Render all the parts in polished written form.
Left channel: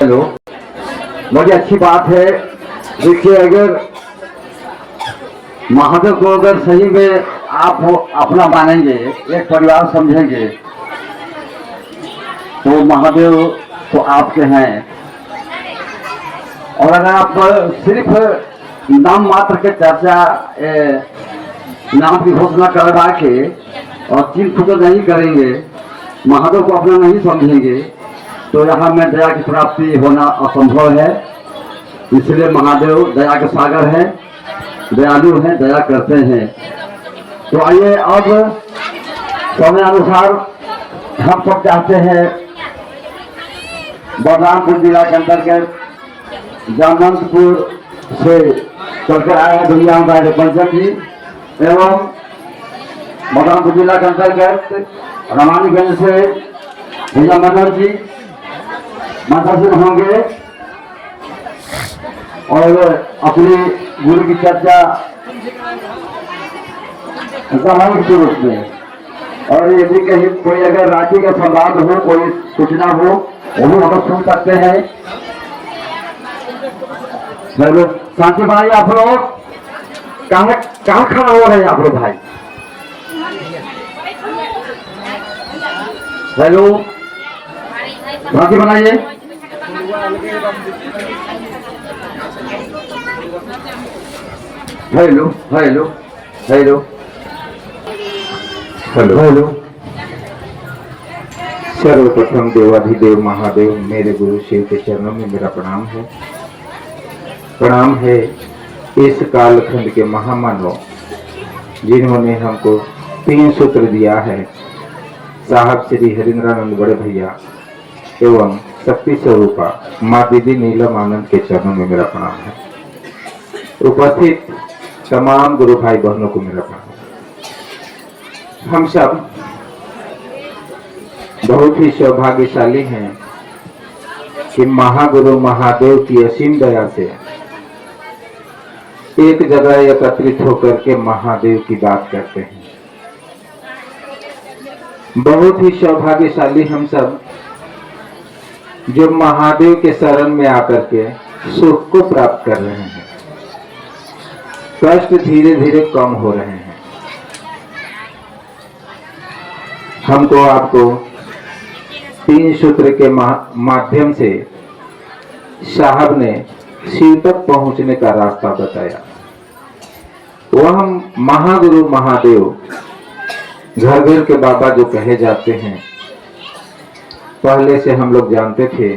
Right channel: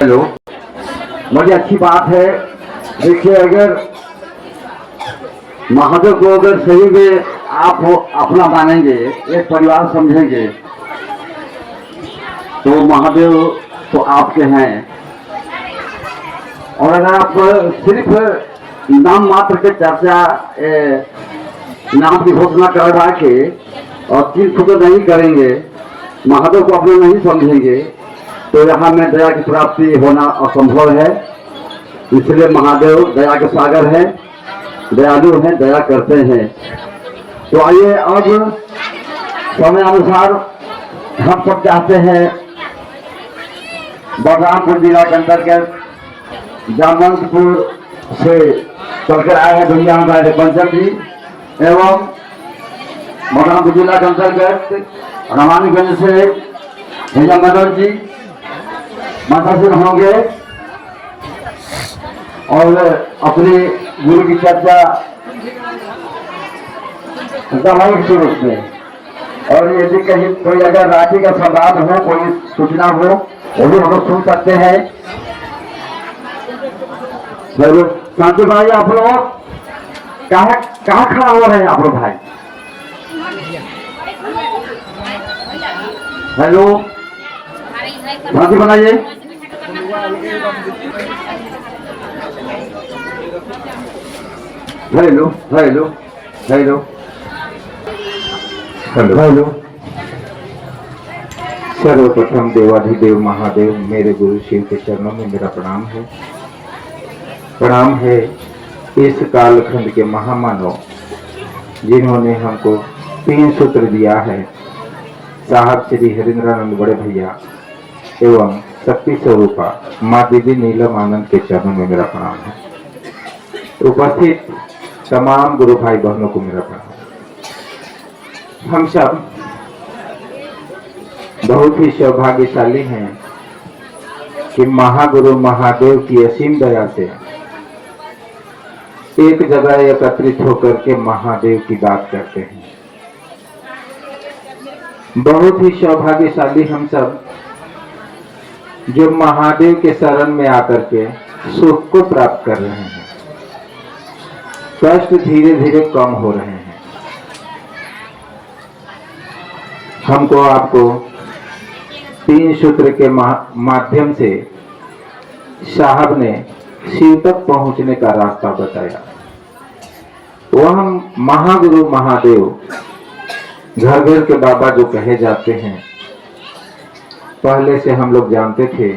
Hello, बड़ी अच्छी बात है। देखिए, अगर महादेव को अगर सही में आप अपना मानेंगे, एक परिवार समझेंगे, तो महादेव तो आपके हैं। और अगर आप सिर्फ नाम मात्र के चर्चा, नाम की घोषणा करवा के और चिंत तो नहीं करेंगे, महादेव को अपना नहीं समझेंगे, तो यहाँ में दया की प्राप्ति होना असंभव है। इसलिए महादेव दया के सागर है, दयालु हैं, दया करते हैं। तो आइए अब समय अनुसार हम सब चाहते हैं बलरामपुर जिला के अंतर्गत जामवंतपुर से चलकर आए हैं भैया हमारे पंचम जी, एवं बलरामपुर जिला के अंतर्गत रामानीगंज से भैया मनोज जी मातासिर होंगे और अपनी गुरु की चर्चा सामूहिक के रूप में। और यदि कहीं कोई अगर राशि का संवाद हो, कोई सूचना हो, वो भी हम लोग सुन सकते हैं। चलो शांति भाई, आप लोग कहाँ खड़ा हुआ है आप लोग भाई? हेलो, शांति बनाइए। Hello hello hello hello. सर्वप्रथम देवाधिदेव महादेव मेरे गुरु शिव के चरणों में मेरा प्रणाम है। प्रणाम है इस कालखंड के महामानव जिन्होंने हमको 3 सूत्र दिया है। साहब श्री हरिंद्रानंद बड़े भैया एवं शक्ति स्वरूपा माँ दीदी नीलम आनंद के चरणों में मेरा प्रणाम है। उपस्थित तमाम गुरु भाई बहनों को मेरा प्रणाम। हम सब बहुत ही सौभाग्यशाली हैं कि महागुरु महादेव की असीम दया से एक जगह एकत्रित होकर के महादेव की बात करते हैं। बहुत ही सौभाग्यशाली हम सब जो महादेव के शरण में आकर के सुख को प्राप्त कर रहे हैं। कष्ट धीरे धीरे कम हो रहे हैं। हमको आपको 3 सूत्र के माध्यम से साहब ने शिव तक पहुंचने का रास्ता बताया। वह महागुरु महादेव घर घर के बाबा जो कहे जाते हैं, पहले से हम लोग जानते थे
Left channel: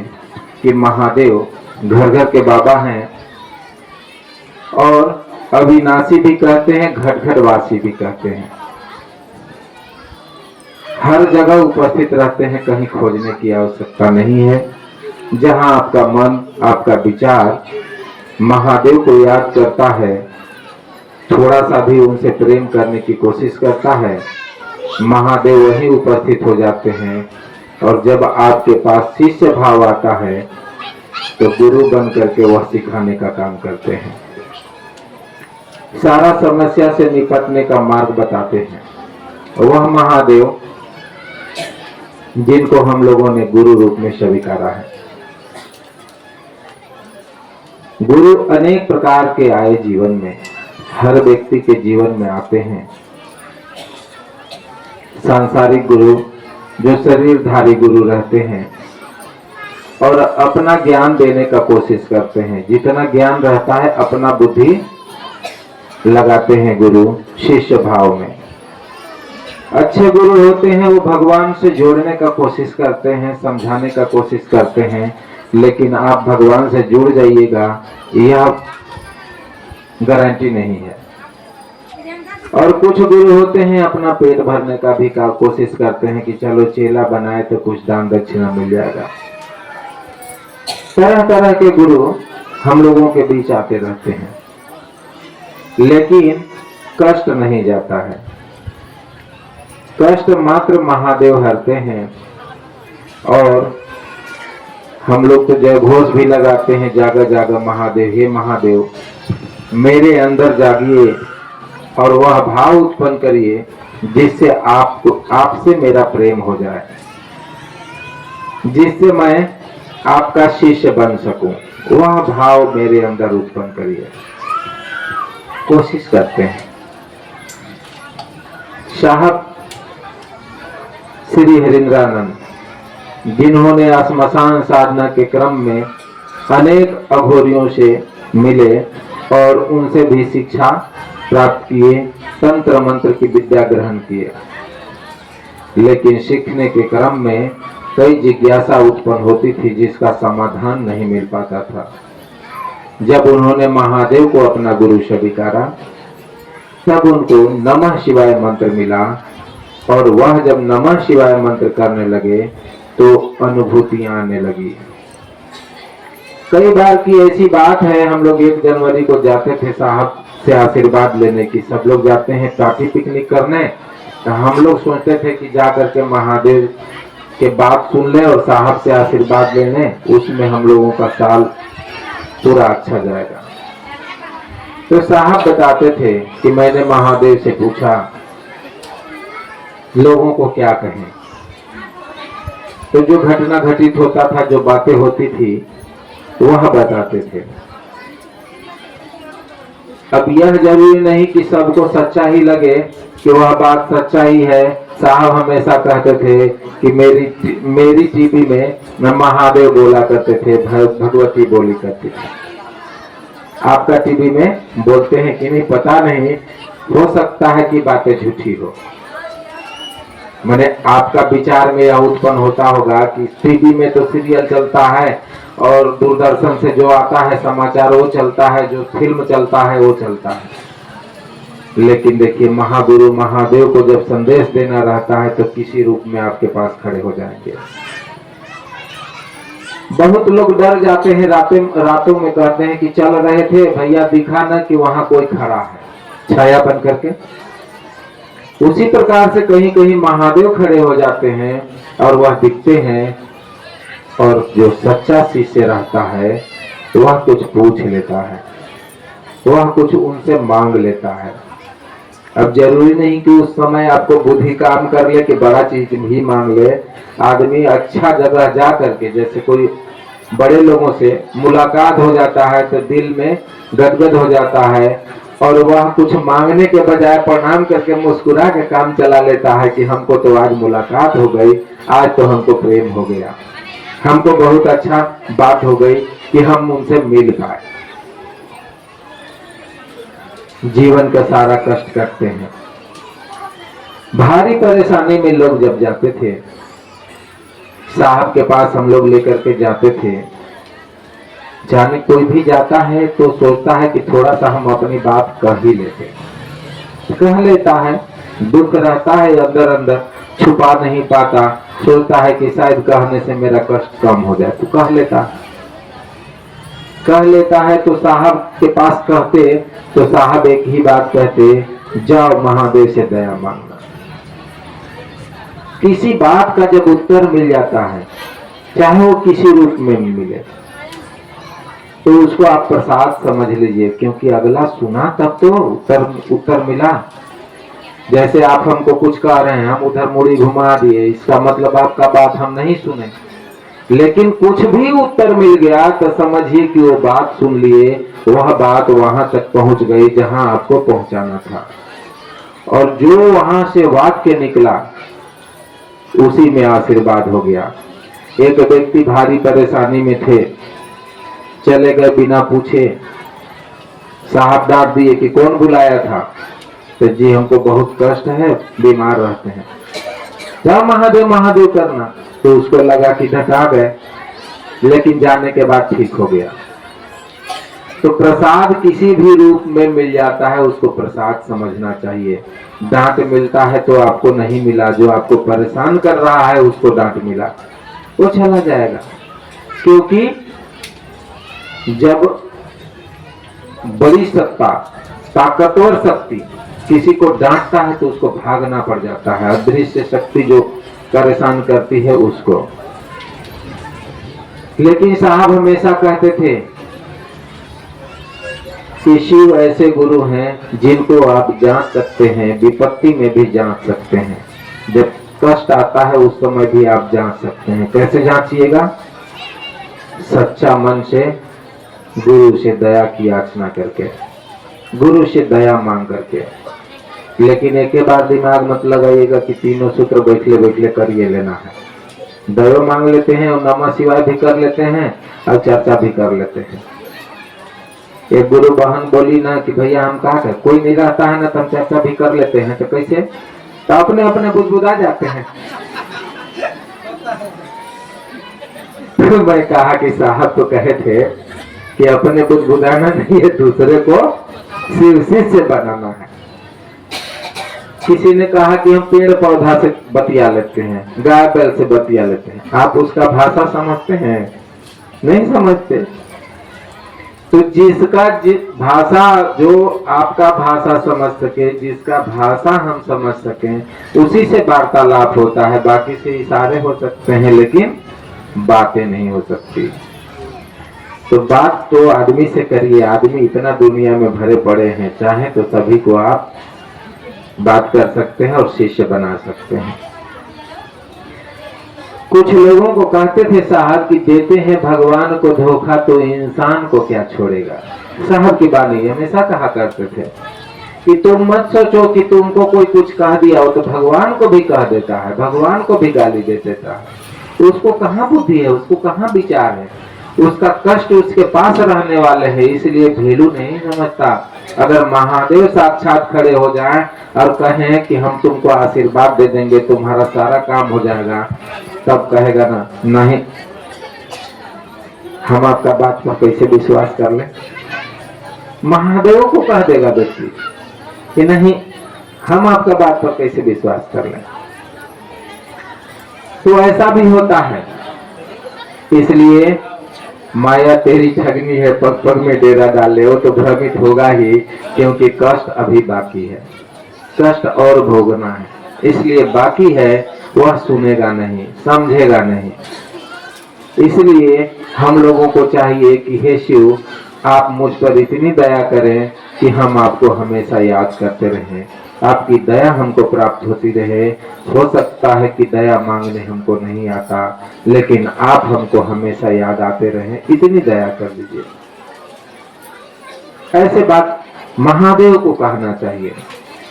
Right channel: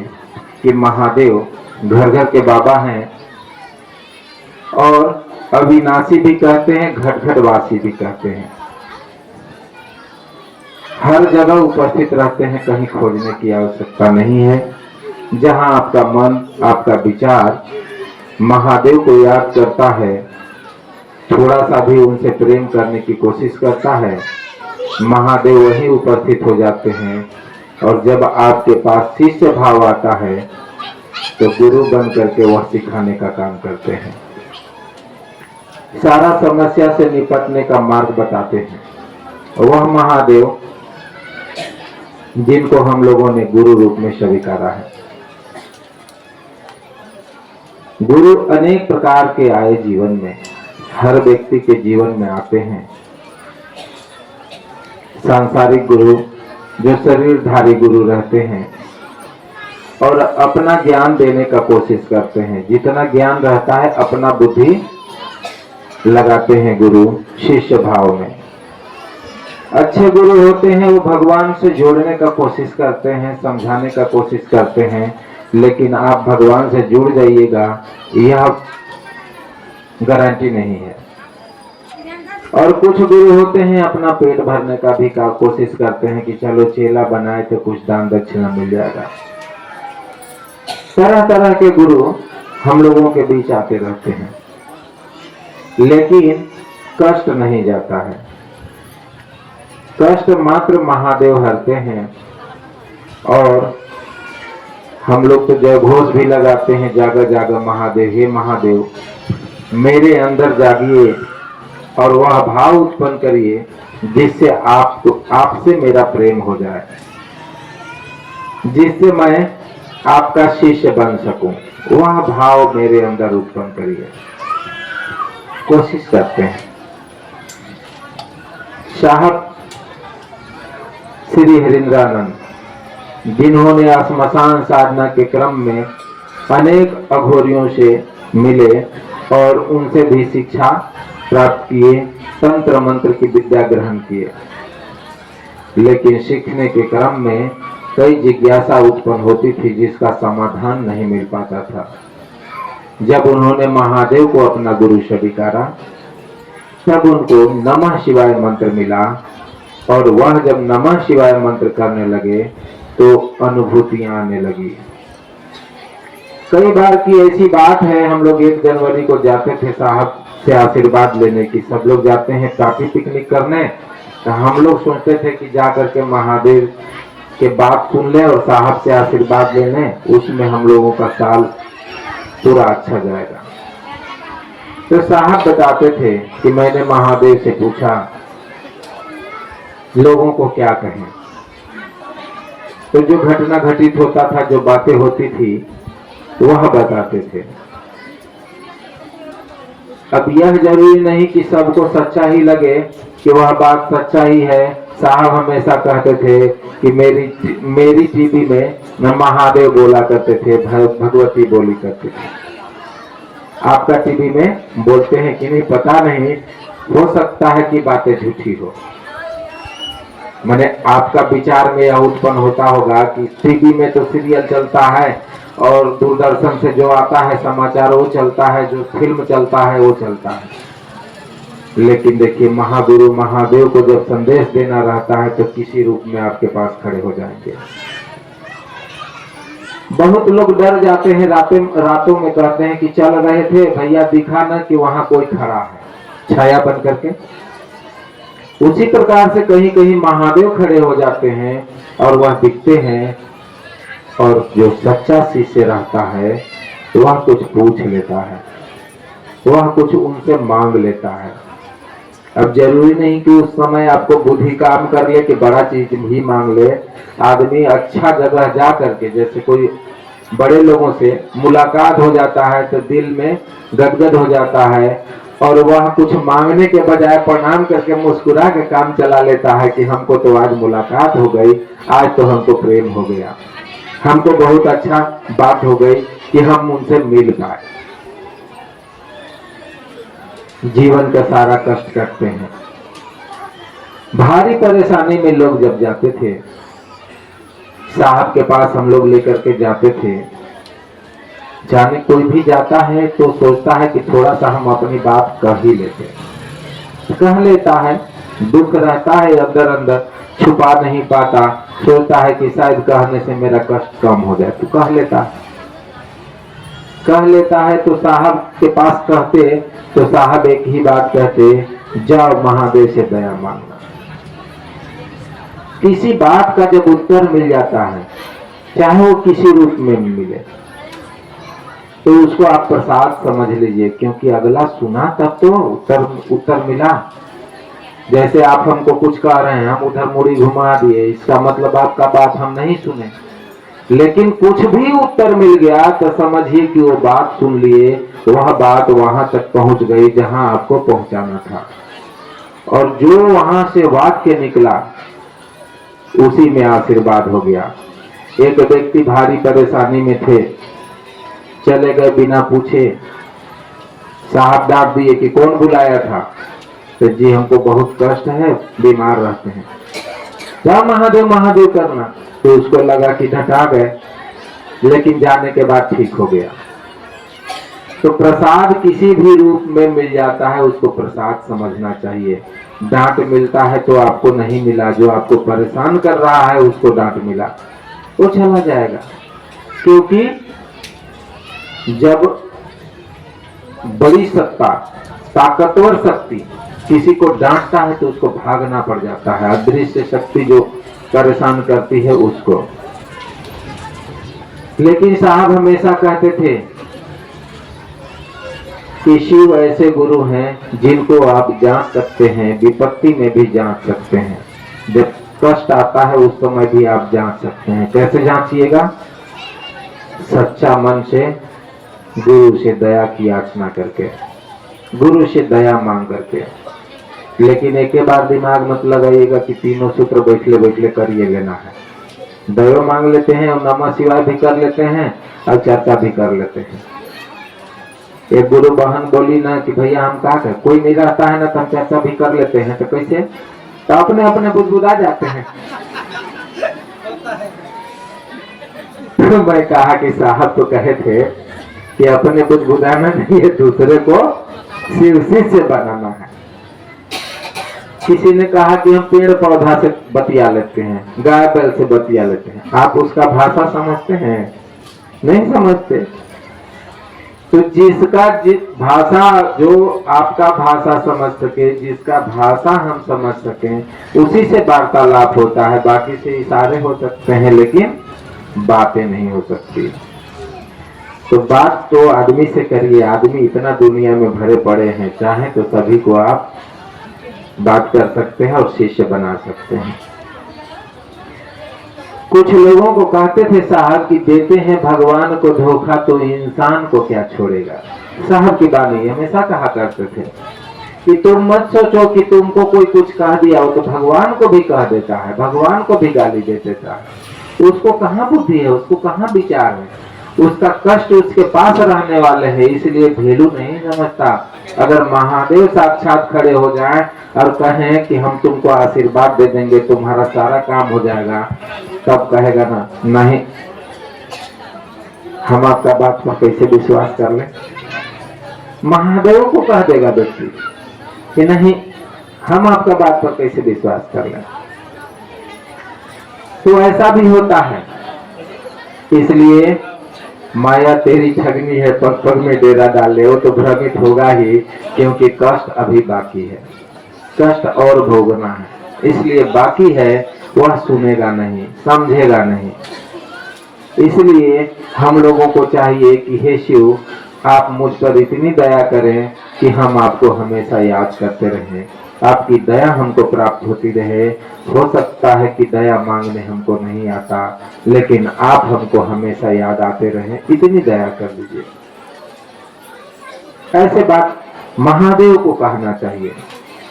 कि महादेव घर घर के बाबा हैं और अविनाशी भी कहते हैं, घट घट वासी भी कहते हैं। हर जगह उपस्थित रहते हैं, कहीं खोजने की आवश्यकता नहीं है। जहां आपका मन, आपका विचार महादेव को याद करता है, थोड़ा सा भी उनसे प्रेम करने की कोशिश करता है, महादेव वहीं उपस्थित हो जाते हैं। और जब आपके पास शिष्य भाव आता है तो गुरु बन करके वह सिखाने का काम करते हैं, सारा समस्या से निपटने का मार्ग बताते हैं। वह महादेव जिनको हम लोगों ने गुरु रूप में स्वीकारा है। गुरु अनेक प्रकार के आए जीवन में, हर व्यक्ति के जीवन में आते हैं। सांसारिक गुरु जो शरीरधारी गुरु रहते हैं और अपना ज्ञान देने का कोशिश करते हैं। जितना ज्ञान रहता है अपना बुद्धि लगाते हैं गुरु शिष्य भाव में। अच्छे गुरु होते हैं, वो भगवान से जोड़ने का कोशिश करते हैं, समझाने का कोशिश करते हैं, लेकिन आप भगवान से जुड़ जाइएगा यह गारंटी नहीं है। और कुछ गुरु होते हैं अपना पेट भरने का भी कोशिश करते हैं कि चलो चेला बनाए तो कुछ दान दक्षिणा मिल जाएगा। तरह तरह के गुरु हम लोगों के बीच आते रहते हैं, लेकिन कष्ट नहीं जाता है। कष्ट मात्र महादेव हरते हैं। और हम लोग तो जय घोष भी लगाते हैं, जागा जागा महादेव, हे महादेव मेरे अंदर जागिए और वह भाव उत्पन्न करिए जिससे आपसे मेरा प्रेम हो जाए, जिससे मैं आपका शिष्य बन सकूं, वह भाव मेरे अंदर उत्पन्न करिए। कोशिश करते हैं। साहब श्री हरिंद्रानंद, जिन्होंने श्मशान साधना के क्रम में अनेक अघोरियों से मिले और उनसे भी शिक्षा प्राप्त किए, तंत्र मंत्र की विद्या ग्रहण किए, लेकिन सीखने के क्रम में कई जिज्ञासा उत्पन्न होती थी जिसका समाधान नहीं मिल पाता था। जब उन्होंने महादेव को अपना गुरु स्वीकारा, तब उनको नमः शिवाय मंत्र मिला और वह जब नमः शिवाय मंत्र करने लगे तो अनुभूतियां आने लगी। कई बार की ऐसी बात है, हम लोग 1 जनवरी को जाते थे साहब से आशीर्वाद लेने की। सब लोग जाते हैं पार्टी पिकनिक करने, तो हम लोग सोचते थे कि जा करके महादेव के बात सुन ले और साहब से आशीर्वाद लेने, उसमें हम लोगों का साल पूरा अच्छा जाएगा। तो साहब बताते थे कि मैंने महादेव से पूछा लोगों को क्या कहें, तो जो घटना घटित होता था, जो बातें होती थी, वह बताते थे। अब यह जरूरी नहीं कि सबको सच्चा ही लगे कि वह बात सच्चा ही है। साहब हमेशा कहते थे कि मेरी टीवी में न महादेव बोला करते थे, भगवती बोली करती थी। आपका टीवी में बोलते हैं कि नहीं पता नहीं, हो सकता है कि बातें झूठी हो। मैंने आपका विचार में यह उत्पन्न होता होगा कि टीवी में तो सीरियल चलता है और दूरदर्शन से जो आता है समाचार वो चलता है, जो फिल्म चलता है वो चलता है। लेकिन देखिए, महागुरु महादेव को जब संदेश देना रहता है तो किसी रूप में आपके पास खड़े हो जाएंगे। बहुत लोग डर जाते हैं, रातों में कहते हैं कि चल रहे थे भैया दिखा ना कि वहां कोई खड़ा है छाया बन करके। उसी प्रकार से कहीं कहीं महादेव खड़े हो जाते हैं और वह दिखते हैं, और जो सच्चा शिष्य रहता है वह कुछ पूछ लेता है, वह कुछ उनसे मांग लेता है। अब जरूरी नहीं कि उस समय आपको बुद्धि काम कर ले कि बड़ा चीज भी मांग ले। आदमी अच्छा जगह जा करके, जैसे कोई बड़े लोगों से मुलाकात हो जाता है तो दिल में गदगद हो जाता है और वह कुछ मांगने के बजाय प्रणाम करके मुस्कुरा के काम चला लेता है कि हमको तो आज मुलाकात हो गई, आज तो हमको प्रेम हो गया, हमको बहुत अच्छा बात हो गई कि हम उनसे मिल पाए। जीवन का सारा कष्ट करते हैं। भारी परेशानी में लोग जब जाते थे, साहब के पास हम लोग लेकर के जाते थे। जाने कोई भी जाता है तो सोचता है कि थोड़ा सा हम अपनी बात कह ही लेते, कह लेता है। दुख रहता है अंदर अंदर, छुपा नहीं पाता, सोचता है कि शायद कहने से मेरा कष्ट कम हो जाए, तो कह लेता है। तो साहब के पास कहते तो साहब एक ही बात कहते, जाओ महादेव से दया मांगना। किसी बात का जब उत्तर मिल जाता है, चाहे वो किसी रूप में मिले, तो उसको आप प्रसाद समझ लीजिए, क्योंकि अगला सुना तब तो उत्तर मिला। जैसे आप हमको कुछ कह रहे हैं, हम उधर मुड़ी घुमा दिए, इसका मतलब आपका बात हम नहीं सुने, लेकिन कुछ भी उत्तर मिल गया तो समझिए कि वो बात सुन लिए, वह बात वहां तक पहुंच गई जहां आपको पहुंचाना था, और जो वहां से वाक्य निकला उसी में आशीर्वाद हो गया। एक व्यक्ति भारी परेशानी में थे, चले गए बिना पूछे। साहब डांट दिए कि कौन बुलाया था, तो जी हमको बहुत कष्ट है, बीमार रहते हैं, जा महादेव महादेव करना। तो उसको लगा कि डटा गए, लेकिन जाने के बाद ठीक हो गया। तो प्रसाद किसी भी रूप में मिल जाता है, उसको प्रसाद समझना चाहिए। डांट मिलता है तो आपको नहीं मिला, जो आपको परेशान कर रहा है उसको डांट मिला, वो चला जाएगा। क्योंकि जब बड़ी सत्ता, ताकतवर शक्ति किसी को डांटता है तो उसको भागना पड़ जाता है। अदृश्य शक्ति जो परेशान करती है उसको। लेकिन साहब हमेशा कहते थे कि शिव ऐसे गुरु हैं जिनको आप जांच सकते हैं, विपत्ति में भी जांच सकते हैं, जब कष्ट आता है उस समय भी आप जांच सकते हैं। कैसे जांचिएगा? सच्चा मन से गुरु से दया की याचना करके, गुरु से दया मांग करके। लेकिन एक बार दिमाग मत लगाइएगा कि तीनों सूत्र बैठले बैठले करिए लेना है। दया मांग लेते हैं और नमः शिवाय भी कर लेते हैं और चर्चा भी कर लेते हैं। एक गुरु बहन बोली ना कि भैया हम कहा करें, कोई नहीं रहता है ना तो हम चर्चा भी कर लेते हैं। तो कैसे? तो अपने अपने बुदबुदा जाते हैं। तो मैं कहा कि साहब तो कहे थे कि अपने बुदबुदाना नहीं है, दूसरे को शिव से बनाना है। किसी ने कहा कि हम पेड़ पौधा से बतिया लेते हैं, गाय बैल से बतिया लेते हैं। आप उसका भाषा समझते हैं? नहीं समझते। तो जिसका भाषा, जो आपका भाषा समझ सके, जिसका भाषा हम समझ सकें, उसी से वार्तालाप होता है। बाकी से इशारे हो सकते हैं लेकिन बातें नहीं हो सकती। तो बात तो आदमी से करिए। आदमी इतना दुनिया में भरे पड़े हैं, चाहे तो सभी को आप बात कर सकते हैं और शिष्य बना सकते हैं। कुछ लोगों को कहते थे साहब कि देते हैं भगवान को धोखा तो इंसान को क्या छोड़ेगा। साहब की बानी हमेशा कहा करते थे कि तुम मत सोचो कि तुमको कोई कुछ कह दिया हो तो भगवान को भी कह देता है, भगवान को भी गाली दे देता है। तो उसको कहाँ बुद्धि है, उसको कहाँ विचार है, उसका कष्ट उसके पास रहने वाले है, इसलिए भेलू नहीं समझता। अगर महादेव साक्षात खड़े हो जाएं और कहें कि हम तुमको आशीर्वाद दे देंगे, तुम्हारा सारा काम हो जाएगा, तब कहेगा ना नहीं, हम आपका बात पर कैसे विश्वास कर ले। महादेव को कह देगा व्यक्ति कि नहीं, हम आपका बात पर कैसे विश्वास कर ले। तो ऐसा भी होता है। इसलिए माया तेरी ठगनी है, पग पग में डेरा डाले, वो तो भ्रमित होगा ही, क्योंकि कष्ट अभी बाकी है, कष्ट और भोगना है। इसलिए बाकी है, वह सुनेगा नहीं, समझेगा नहीं। इसलिए हम लोगों को चाहिए कि हे शिव, आप मुझ पर इतनी दया करें कि हम आपको हमेशा याद करते रहें, आपकी दया हमको प्राप्त होती रहे। हो सकता है कि दया मांगने हमको नहीं आता, लेकिन आप हमको हमेशा याद आते रहें, इतनी दया कर दीजिए। ऐसे बात महादेव को कहना चाहिए।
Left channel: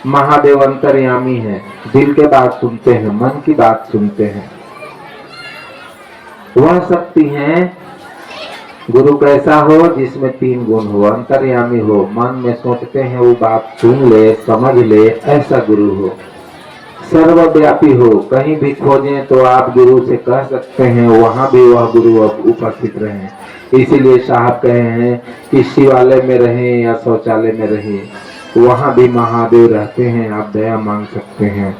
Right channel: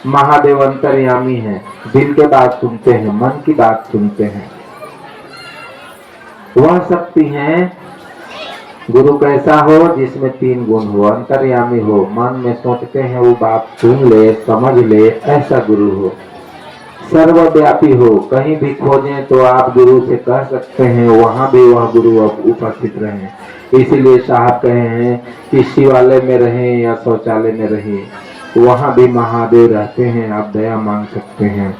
महादेव अंतर्यामी है, दिल के बात सुनते हैं, मन की बात सुनते हैं। वह शक्ति है, गुरु कैसा हो जिसमें 3 गुण हो, अंतर्यामी हो, मन में सोचते हैं वो बात सुन ले, समझ ले, ऐसा गुरु हो। सर्वव्यापी हो, कहीं भी खोजें तो आप गुरु से कह सकते हैं, वहां भी वह गुरु उपस्थित रहे। इसीलिए साहब कहे हैं कि शिवालय में रहें या शौचालय में रहें, वहां भी महादेव रहते हैं, आप दया मांग सकते हैं।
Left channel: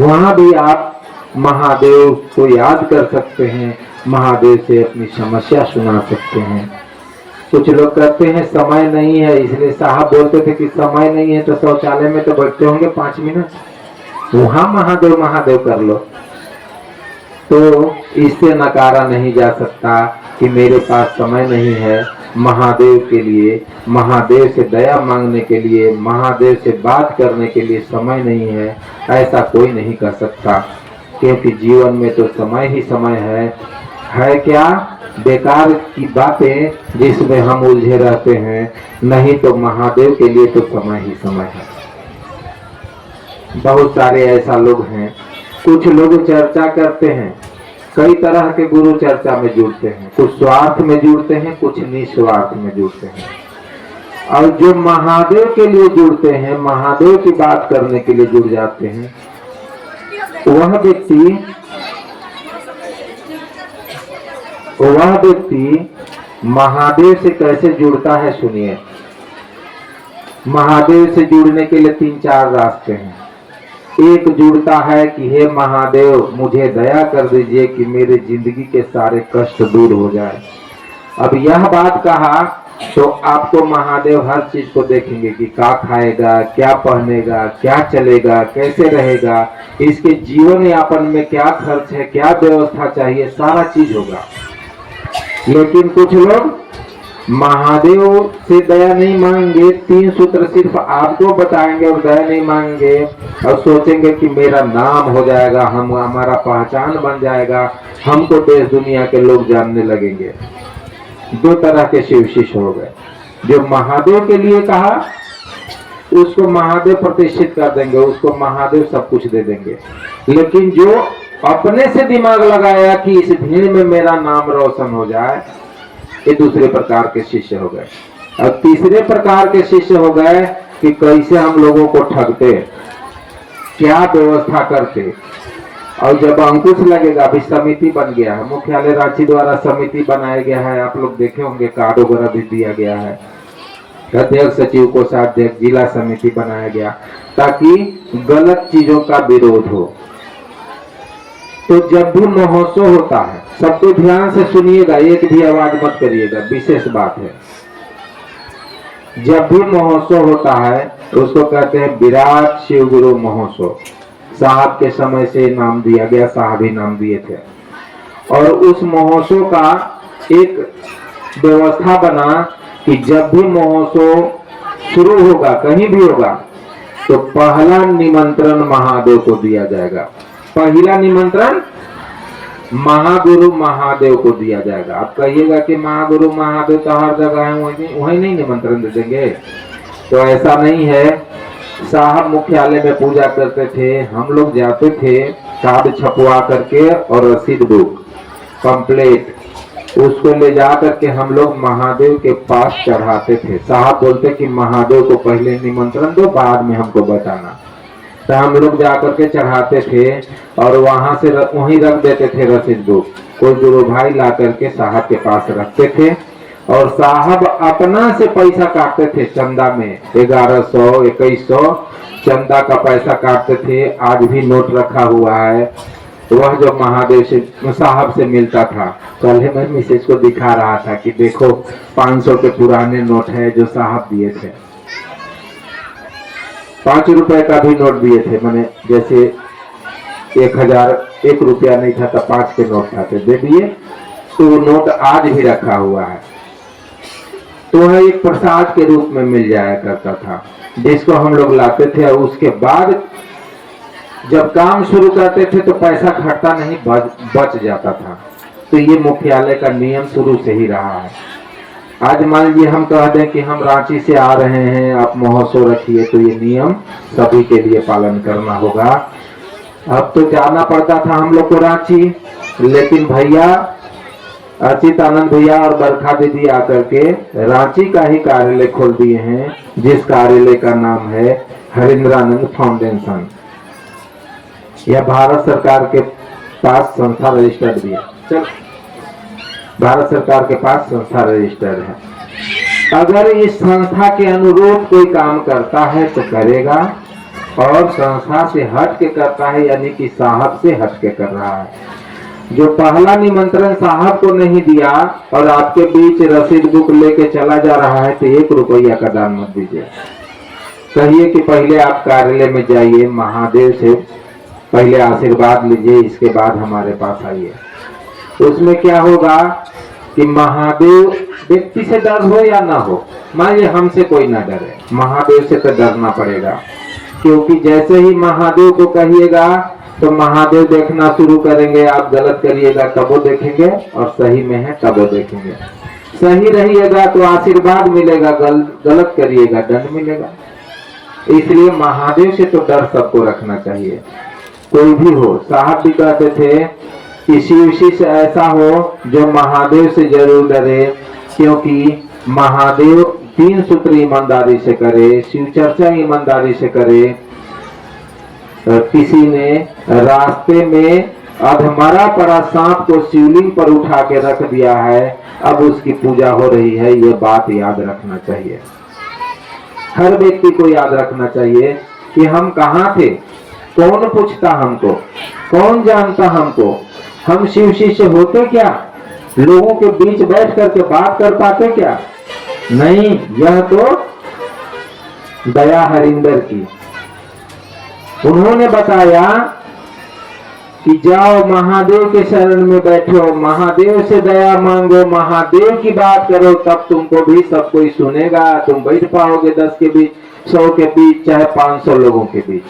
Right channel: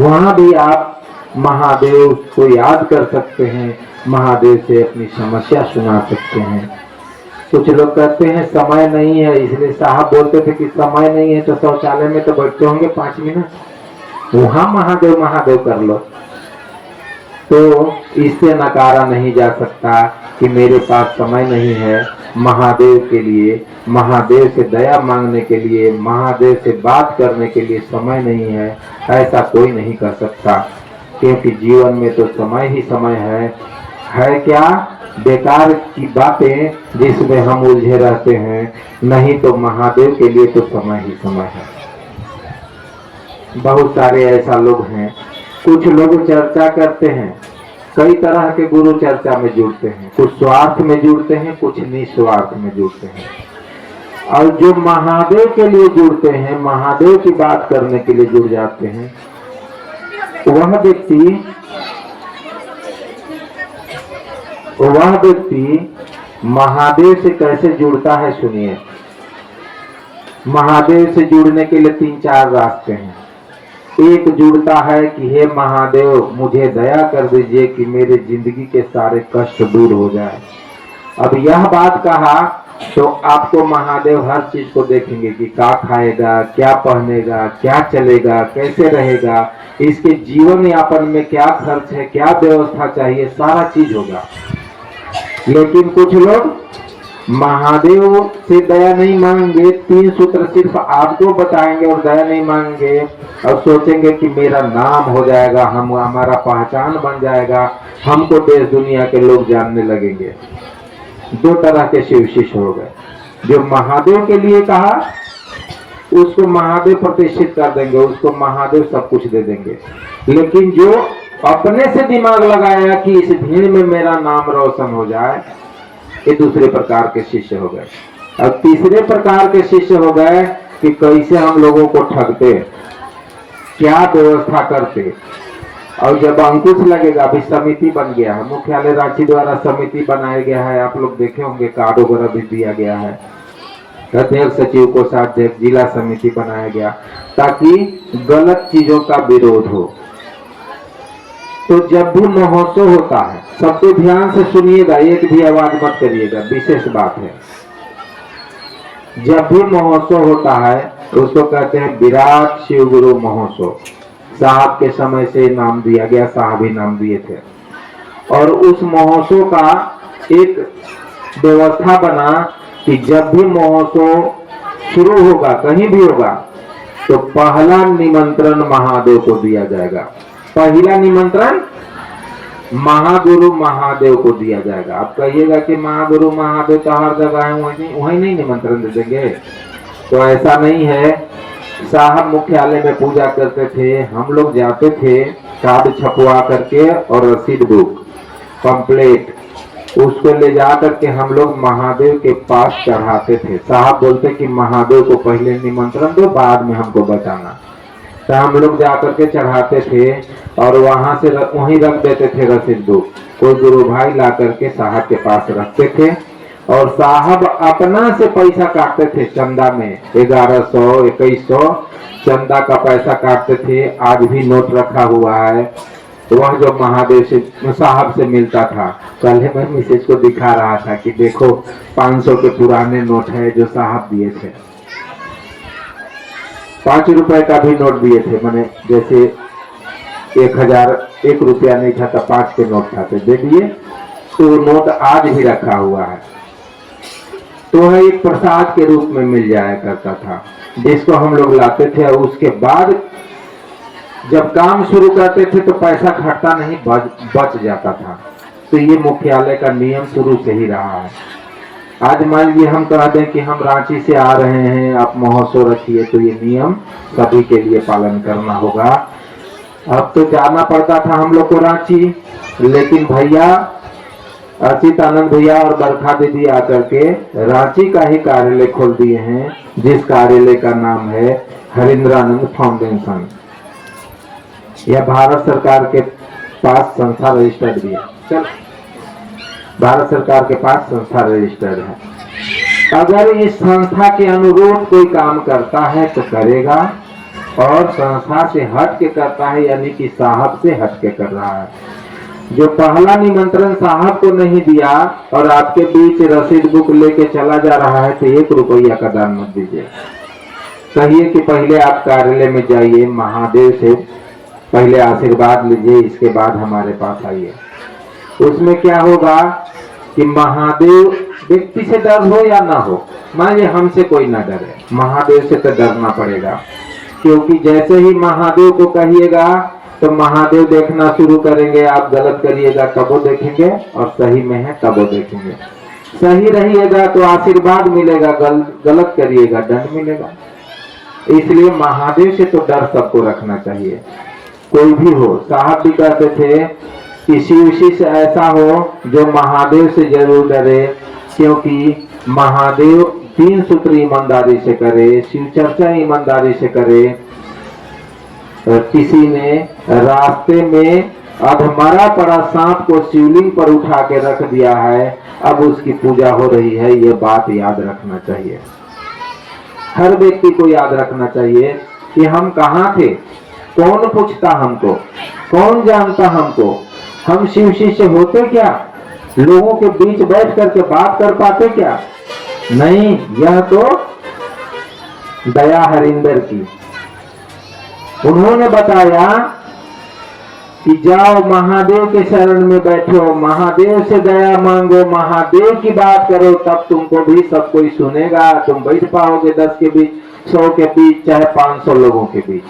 वहां भी आप महादेव को याद कर सकते हैं, महादेव से अपनी समस्या सुना सकते हैं। कुछ लोग कहते हैं समय नहीं है, इसलिए साहब बोलते थे कि समय नहीं है तो शौचालय में तो बैठते होंगे 5 मिनट, वहां महादेव महादेव कर लो। तो इससे नकारा नहीं जा सकता कि मेरे पास समय नहीं है महादेव के लिए, महादेव से दया मांगने के लिए, महादेव से बात करने के लिए समय नहीं है, ऐसा कोई नहीं कर सकता। क्योंकि जीवन में तो समय ही समय है क्या बेकार की बातें जिसमें हम उलझे रहते हैं, नहीं तो महादेव के लिए तो समय ही समय है। बहुत सारे ऐसा लोग हैं, कुछ लोग चर्चा करते हैं, कई तरह के गुरु चर्चा में जुड़ते हैं, कुछ स्वार्थ में जुड़ते हैं, कुछ निस्वार्थ में जुड़ते हैं। और जो महादेव के लिए जुड़ते हैं, महादेव की बात करने के लिए जुड़ जाते हैं, वह व्यक्ति महादेव से कैसे जुड़ता है सुनिए। महादेव से जुड़ने के लिए 3-4 रास्ते हैं। एक जुड़ता है कि हे महादेव मुझे दया कर दीजिए कि मेरे जिंदगी के सारे कष्ट दूर हो जाए। अब यह बात कहा तो आपको महादेव हर चीज को देखेंगे कि क्या खाएगा, क्या पहनेगा, क्या चलेगा, कैसे रहेगा, इसके जीवन यापन में क्या खर्च है, क्या व्यवस्था चाहिए, सारा चीज होगा। लेकिन कुछ लोग महादेव से दया नहीं मांगेंगे, 3 सूत्र सिर्फ आपको बताएंगे और दया नहीं मांगेंगे और सोचेंगे कि मेरा नाम हो जाएगा, हम हमारा पहचान बन जाएगा, हमको देश दुनिया के लोग जानने लगेंगे। 2 तरह के शिव शिष्य हो गए। जो महादेव के लिए कहा उसको महादेव प्रतिष्ठित कर देंगे, उसको महादेव सब कुछ दे देंगे। लेकिन जो अपने से दिमाग लगाया कि इस भीड़ में मेरा नाम रोशन हो जाए, ये दूसरे प्रकार के शिष्य हो गए। अब तीसरे प्रकार के शिष्य हो गए कि कैसे हम लोगों को ठगते, क्या व्यवस्था करते। और जब अंकुश लगेगा, अभी समिति बन गया है, मुख्यालय रांची द्वारा समिति बनाया गया है, आप लोग देखे होंगे, कार्ड वगैरह भी दिया गया है। अध्यक्ष सचिव को साध्यक्ष जिला समिति बनाया गया ताकि गलत चीजों का विरोध हो। तो जब भी महोत्सव होता है, सबको ध्यान से सुनिएगा, एक भी आवाज मत करिएगा, विशेष बात है। जब भी महोत्सव होता है उसको कहते हैं विराट शिव गुरु महोत्सव। साहब के समय से नाम दिया गया, साहब ही नाम दिए थे। और उस महोत्सव का एक व्यवस्था बना कि जब भी महोत्सव शुरू होगा, कहीं भी होगा, तो पहला निमंत्रण महादेव को दिया जाएगा। पहला निमंत्रण महागुरु महादेव को दिया जाएगा। आप कहिएगा कि महागुरु महादेव तो हर जगह है, वहीं नहीं निमंत्रण दे देंगे, तो ऐसा नहीं है। साहब मुख्यालय में पूजा करते थे, हम लोग जाते थे, कार्ड छपवा करके और रसीद बुक कंप्लीट उसको ले जा करके हम लोग महादेव के पास चढ़ाते थे। साहब बोलते कि महादेव को पहले निमंत्रण दो, बाद में हमको बताना। तो हम लोग जा करके चढ़ाते थे और वहां से वहीं रख देते थे रसीद बुक। कोई गुरु भाई ला करके साहब के पास रखते थे और साहब अपना से पैसा काटते थे चंदा में। 1100 2100 चंदा का पैसा काटते थे। आज भी नोट रखा हुआ है, वह जो महादेव से साहब से मिलता था। कल मैं मिसेज को दिखा रहा था कि देखो 500 के पुराने नोट है जो साहब दिए थे। 5 रुपए का भी नोट दिए थे, मैंने जैसे 1000 1 रुपया नहीं था तो 5 के नोट था, दे दिए। तो वो नोट आज भी रखा हुआ है। तो वह एक प्रसाद के रूप में मिल जाया करता था, जिसको हम लोग लाते थे। और उसके बाद जब काम शुरू करते थे तो पैसा घटता नहीं, बच जाता था। तो ये मुख्यालय का नियम शुरू से ही रहा है। आज मान लीजिए हम कह दें कि हम रांची से आ रहे हैं, आप महोत्सव रखिए, तो ये नियम सभी के लिए पालन करना होगा। अब तो जाना पड़ता था हम लोग को रांची, लेकिन भैया अचित आनंद भैया और बरखा दीदी आकर के रांची का ही कार्यालय खोल दिए हैं, जिस कार्यालय का नाम है हरिंद्रानंद फाउंडेशन। यह भारत सरकार के पास संस्था रजिस्टर्ड भी है। चल, भारत सरकार के पास संस्था रजिस्टर्ड है। अगर इस संस्था के अनुरूप कोई काम करता है तो करेगा, और संस्था से हट के करता है यानी कि साहब से हट के कर रहा है। जो पहला निमंत्रण साहब को नहीं दिया और आपके बीच रसीद बुक लेके चला जा रहा है, तो 1 रुपया का दान मत दीजिए। कहिए कि पहले आप कार्यालय में जाइए, महादेव से पहले आशीर्वाद लीजिए, इसके बाद हमारे पास आइए। उसमें क्या होगा कि महादेव व्यक्ति से डर हो या ना हो, मान लीजिए हमसे कोई ना डरे, महादेव से तो डरना पड़ेगा। क्योंकि जैसे ही महादेव को कहिएगा तो महादेव देखना शुरू करेंगे। आप गलत करिएगा तब वो देखेंगे, और सही में है तब वो देखेंगे। सही रहिएगा तो आशीर्वाद मिलेगा, गलत करिएगा दंड मिलेगा। इसलिए महादेव से तो डर सबको रखना चाहिए, कोई भी हो। साहब भी कहते थे कि शिव शिष्य ऐसा हो जो महादेव से जरूर डरे, क्योंकि महादेव 3 सूत्र ईमानदारी से करे, शिव चर्चा ईमानदारी से करे। किसी ने रास्ते में अधमरा पड़ा सांप को शिवलिंग पर उठा के रख दिया है, अब उसकी पूजा हो रही है। ये बात याद रखना चाहिए, हर व्यक्ति को याद रखना चाहिए कि हम कहाँ थे, कौन पूछता हमको, कौन जानता हमको। हम शिव शिष्य होते क्या? लोगों के बीच बैठ करके बात कर पाते क्या? नहीं, यह तो दया हरिंदर की। उन्होंने बताया कि जाओ महादेव के शरण में बैठो, महादेव से दया मांगो, महादेव की बात करो, तब तुमको भी सब कोई सुनेगा, तुम बैठ पाओगे 10 के बीच, 100 के बीच, चाहे 500 लोगों के बीच।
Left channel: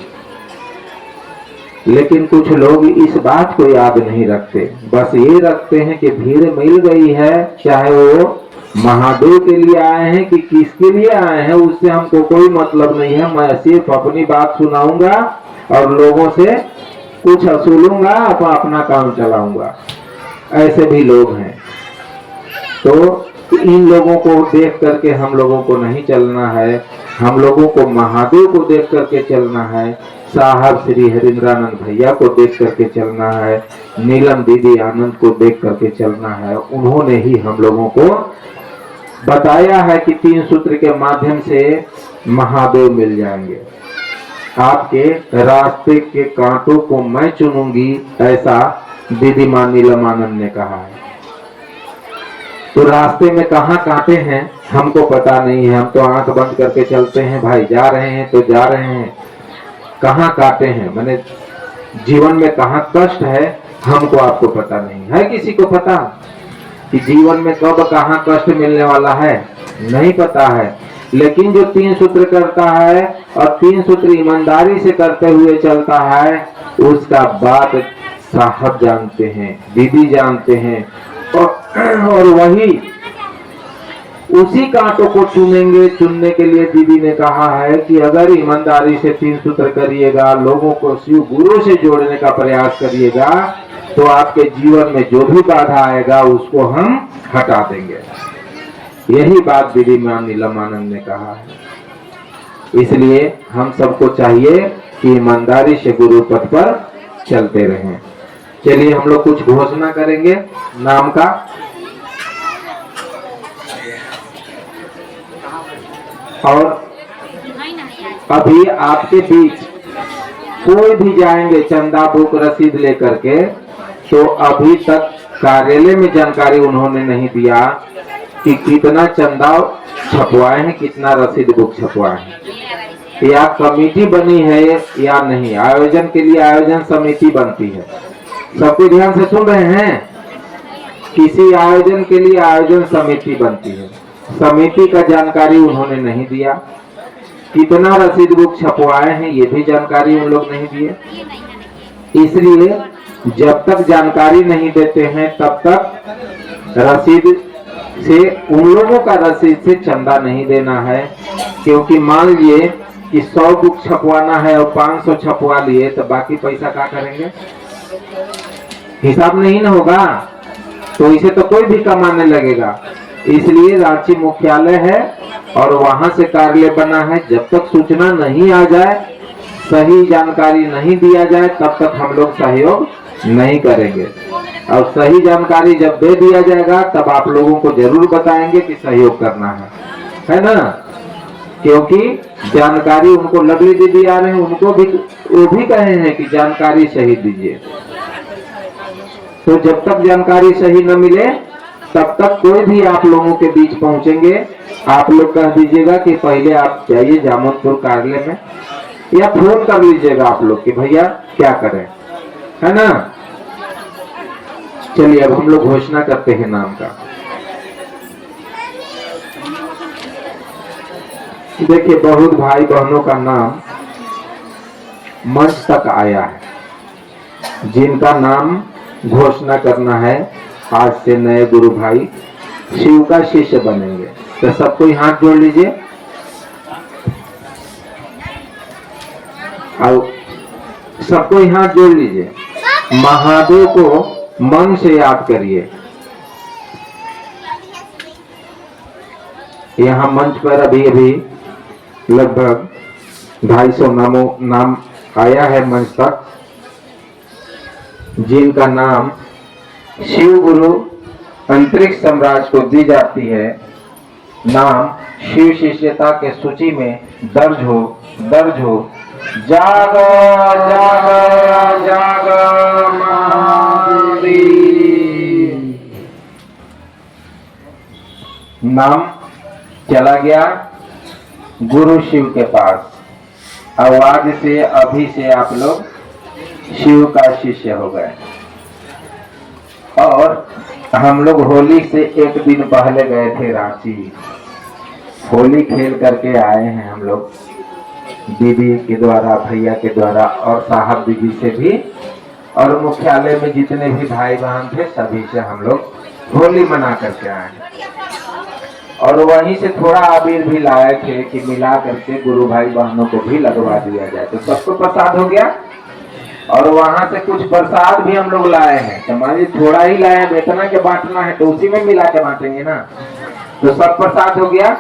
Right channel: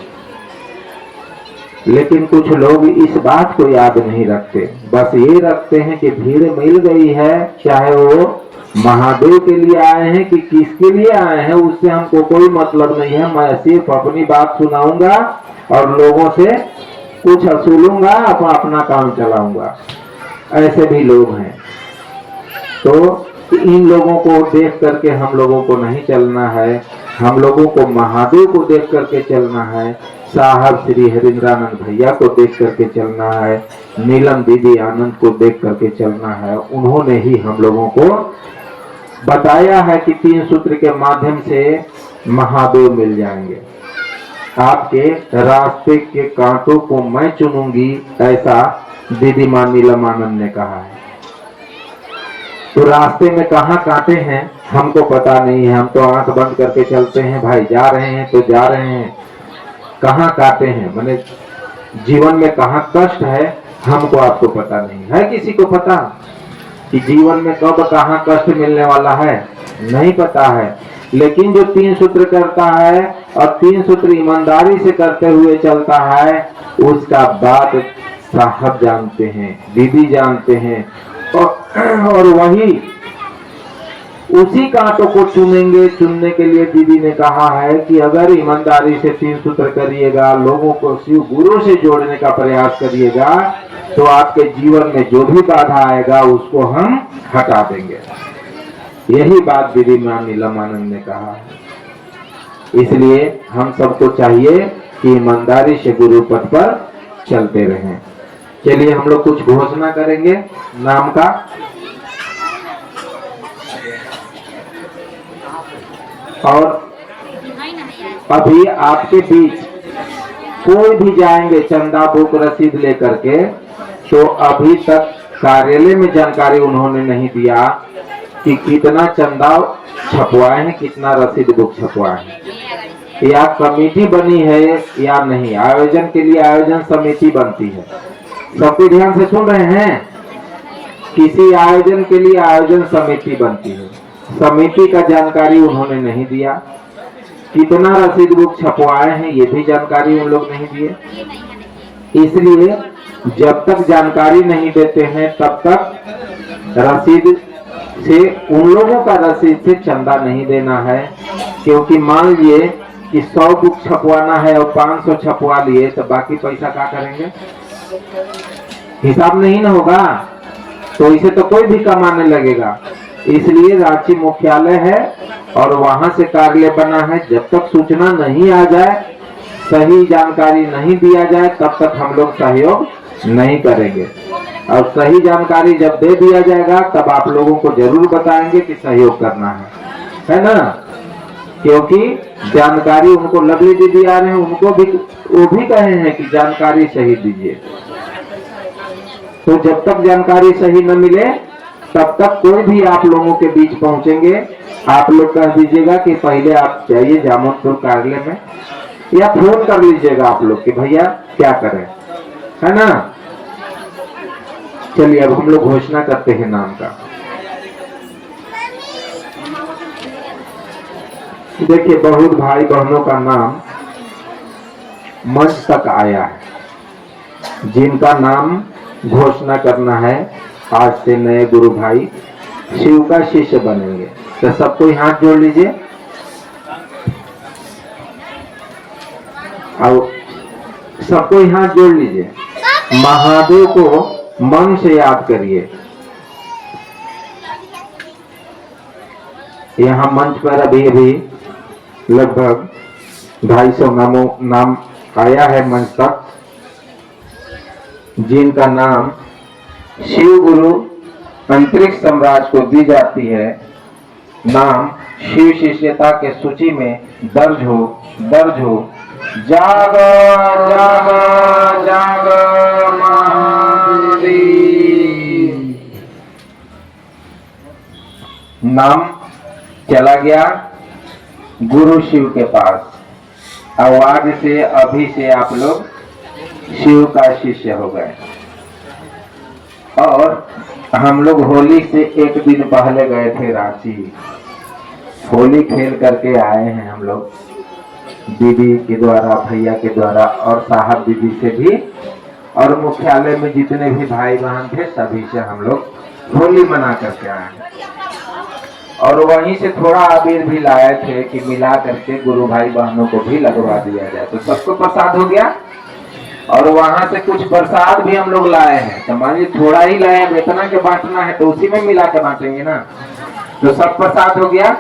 लेकिन कुछ लोग इस बात को याद नहीं रखते, बस ये रखते हैं कि भीड़ मिल गई है, चाहे वो महादेव के लिए आए हैं कि किसके लिए आए हैं, उससे हमको कोई मतलब नहीं है, मैं सिर्फ अपनी बात सुनाऊंगा और लोगों से कुछ वसूलूंगा, अपना काम चलाऊंगा। ऐसे भी लोग हैं। तो इन लोगों को देख करके हम लोगों को नहीं चलना है, हम लोगों को महादेव को देख करके चलना है, साहब श्री हरिंद्रानंद भैया को देख करके चलना है, नीलम दीदी आनंद को देख करके चलना है। उन्होंने ही हम लोगों को बताया है कि 3 सूत्र के माध्यम से महादेव मिल जाएंगे। आपके रास्ते के कांटों को मैं चुनूंगी, ऐसा दीदी मां नीलम आनंद ने कहा है। तो रास्ते में कहाँ कांटे हैं हमको पता नहीं है, हम तो आंख बंद करके चलते हैं, भाई जा रहे हैं तो जा रहे हैं। कहाँ कांटे हैं, मैंने जीवन में कहाँ कष्ट है, हमको आपको पता नहीं है। किसी को पता कि जीवन में कब कहाँ कष्ट मिलने वाला है, नहीं पता है। लेकिन जो 3 सूत्र करता है और 3 सूत्र ईमानदारी से करते हुए चलता है, उसका बात साहब जानते हैं, दीदी जानते हैं, और वही उसी कांटों को चुनेंगे। चुनने के लिए दीदी ने कहा है कि अगर ईमानदारी से 3 सूत्र करिएगा, लोगों को शिव गुरु से जोड़ने का प्रयास करिएगा, तो आपके जीवन में जो भी बाधा आएगा उसको हम हटा देंगे। यही बात दीदी मां नीलम आनंद ने कहा है। इसलिए हम सबको चाहिए कि ईमानदारी से गुरु पथ पर चलते रहें। चलिए हम लोग कुछ घोषणा करेंगे नाम का। और अभी आपके बीच कोई भी जाएंगे चंदा बुक रसीद लेकर के, तो अभी तक कार्यालय में जानकारी उन्होंने नहीं दिया कि कितना चंदा छपवाए हैं, कितना रसीद बुक छपवाए हैं, या कमेटी बनी है या नहीं। आयोजन के लिए आयोजन समिति बनती है, सबके ध्यान से सुन रहे हैं। किसी आयोजन के लिए आयोजन समिति बनती है, समिति का जानकारी उन्होंने नहीं दिया। कितना रसीद बुक छपवाए हैं ये भी जानकारी उन लोग नहीं दिए। इसलिए जब तक जानकारी नहीं देते हैं तब तक रसीद से, उन लोगों का रसीद से चंदा नहीं देना है। क्योंकि मान लिए कि 100 बुक छपवाना है और 500 छपवा लिए, तो बाकी पैसा क्या करेंगे, हिसाब नहीं ना होगा, तो इसे तो कोई भी कमाने लगेगा। इसलिए रांची मुख्यालय है और वहां से कार्यालय बना है। जब तक सूचना नहीं आ जाए, सही जानकारी नहीं दिया जाए, तब तक हम लोग सहयोग नहीं करेंगे। और सही जानकारी जब दे दिया जाएगा तब आप लोगों को जरूर बताएंगे कि सहयोग करना है ना। क्योंकि जानकारी उनको लवली दीदी आ रहे हैं, उनको भी वो भी कहे हैं कि जानकारी सही दीजिए। तो जब तक जानकारी सही न मिले तब तक कोई भी आप लोगों के बीच पहुंचेंगे, आप लोग कह दीजिएगा कि पहले आप जाइए जामुनपुर कार्यालय में, या फोन कर लीजिएगा आप लोग कि भैया क्या करें, है ना। चलिए अब हम लोग घोषणा करते हैं नाम का। देखिए बहुत भाई बहनों का नाम मंच तक आया है, जिनका नाम घोषणा करना है। आज से नए गुरु भाई शिव का शिष्य बनेंगे, तो सबको हाथ जोड़ लीजिए और सबको हाथ जोड़ लीजिए। महादेव को मन से याद करिए। यहाँ मंच पर अभी अभी लगभग 250 नाम आया है मंच तक, जिनका नाम शिव गुरु अंतरिक्ष सम्राट को दी जाती है। नाम शिव शिष्यता के सूची में दर्ज हो। जागो जागो जागो महादेव। नाम चला गया गुरु शिव के पास। अब आज से अभी से आप लोग शिव का शिष्य हो गए। और हम लोग होली से एक दिन पहले गए थे रांची, होली खेल करके आए हैं हम लोग, दीदी के द्वारा, भैया के द्वारा और साहब दीदी से भी, और मुख्यालय में जितने भी भाई बहन थे सभी से हम लोग होली मना करके आए हैं। और वहीं से थोड़ा अबीर भी लाए थे कि मिला करके गुरु भाई बहनों को भी लगवा दिया जाए, तो सबको प्रसाद हो गया। और वहां से कुछ प्रसाद भी हम लोग लाए हैं, तो मान लीजिए थोड़ा ही लाए हैं, इतना के बांटना है तो उसी में मिला के बांटेंगे ना, तो सब प्रसाद हो गया।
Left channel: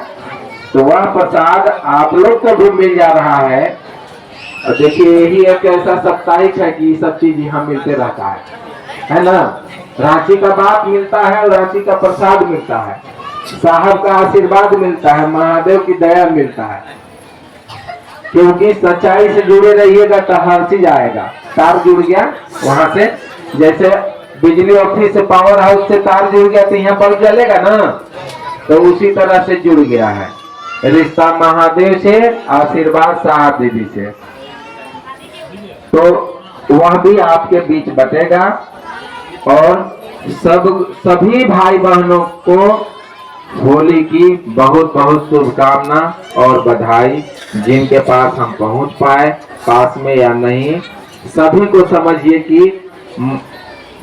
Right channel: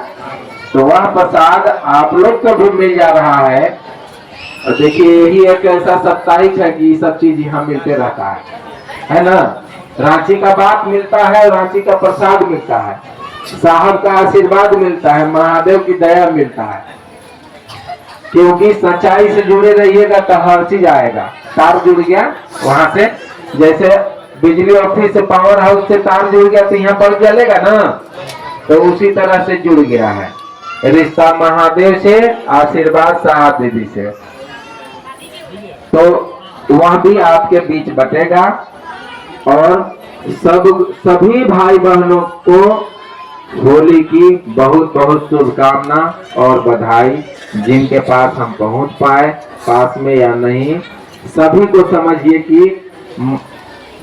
तो वह प्रसाद आप लोग को भी मिल जा रहा है। और देखिए यही एक ऐसा साप्ताहिक है कि सब चीज यहाँ मिलते रहता है ना। रांची का बाप मिलता है और रांची का प्रसाद मिलता है, साहब का आशीर्वाद मिलता है, महादेव की दया मिलता है। क्योंकि सच्चाई से जुड़े रहिएगा तो हर चीज आएगा। तार जुड़ गया वहां से, जैसे बिजली ऑफिस से, पावर हाउस से तार जुड़ गया तो यहाँ पर जलेगा ना, तो उसी तरह से जुड़ गया है रिश्ता महादेव से, आशीर्वाद साहब दीदी से। तो वह भी आपके बीच बटेगा। और सभी भाई बहनों को होली की बहुत बहुत शुभकामना और बधाई। जिनके पास हम पहुंच पाए, पास में या नहीं, सभी को समझिए कि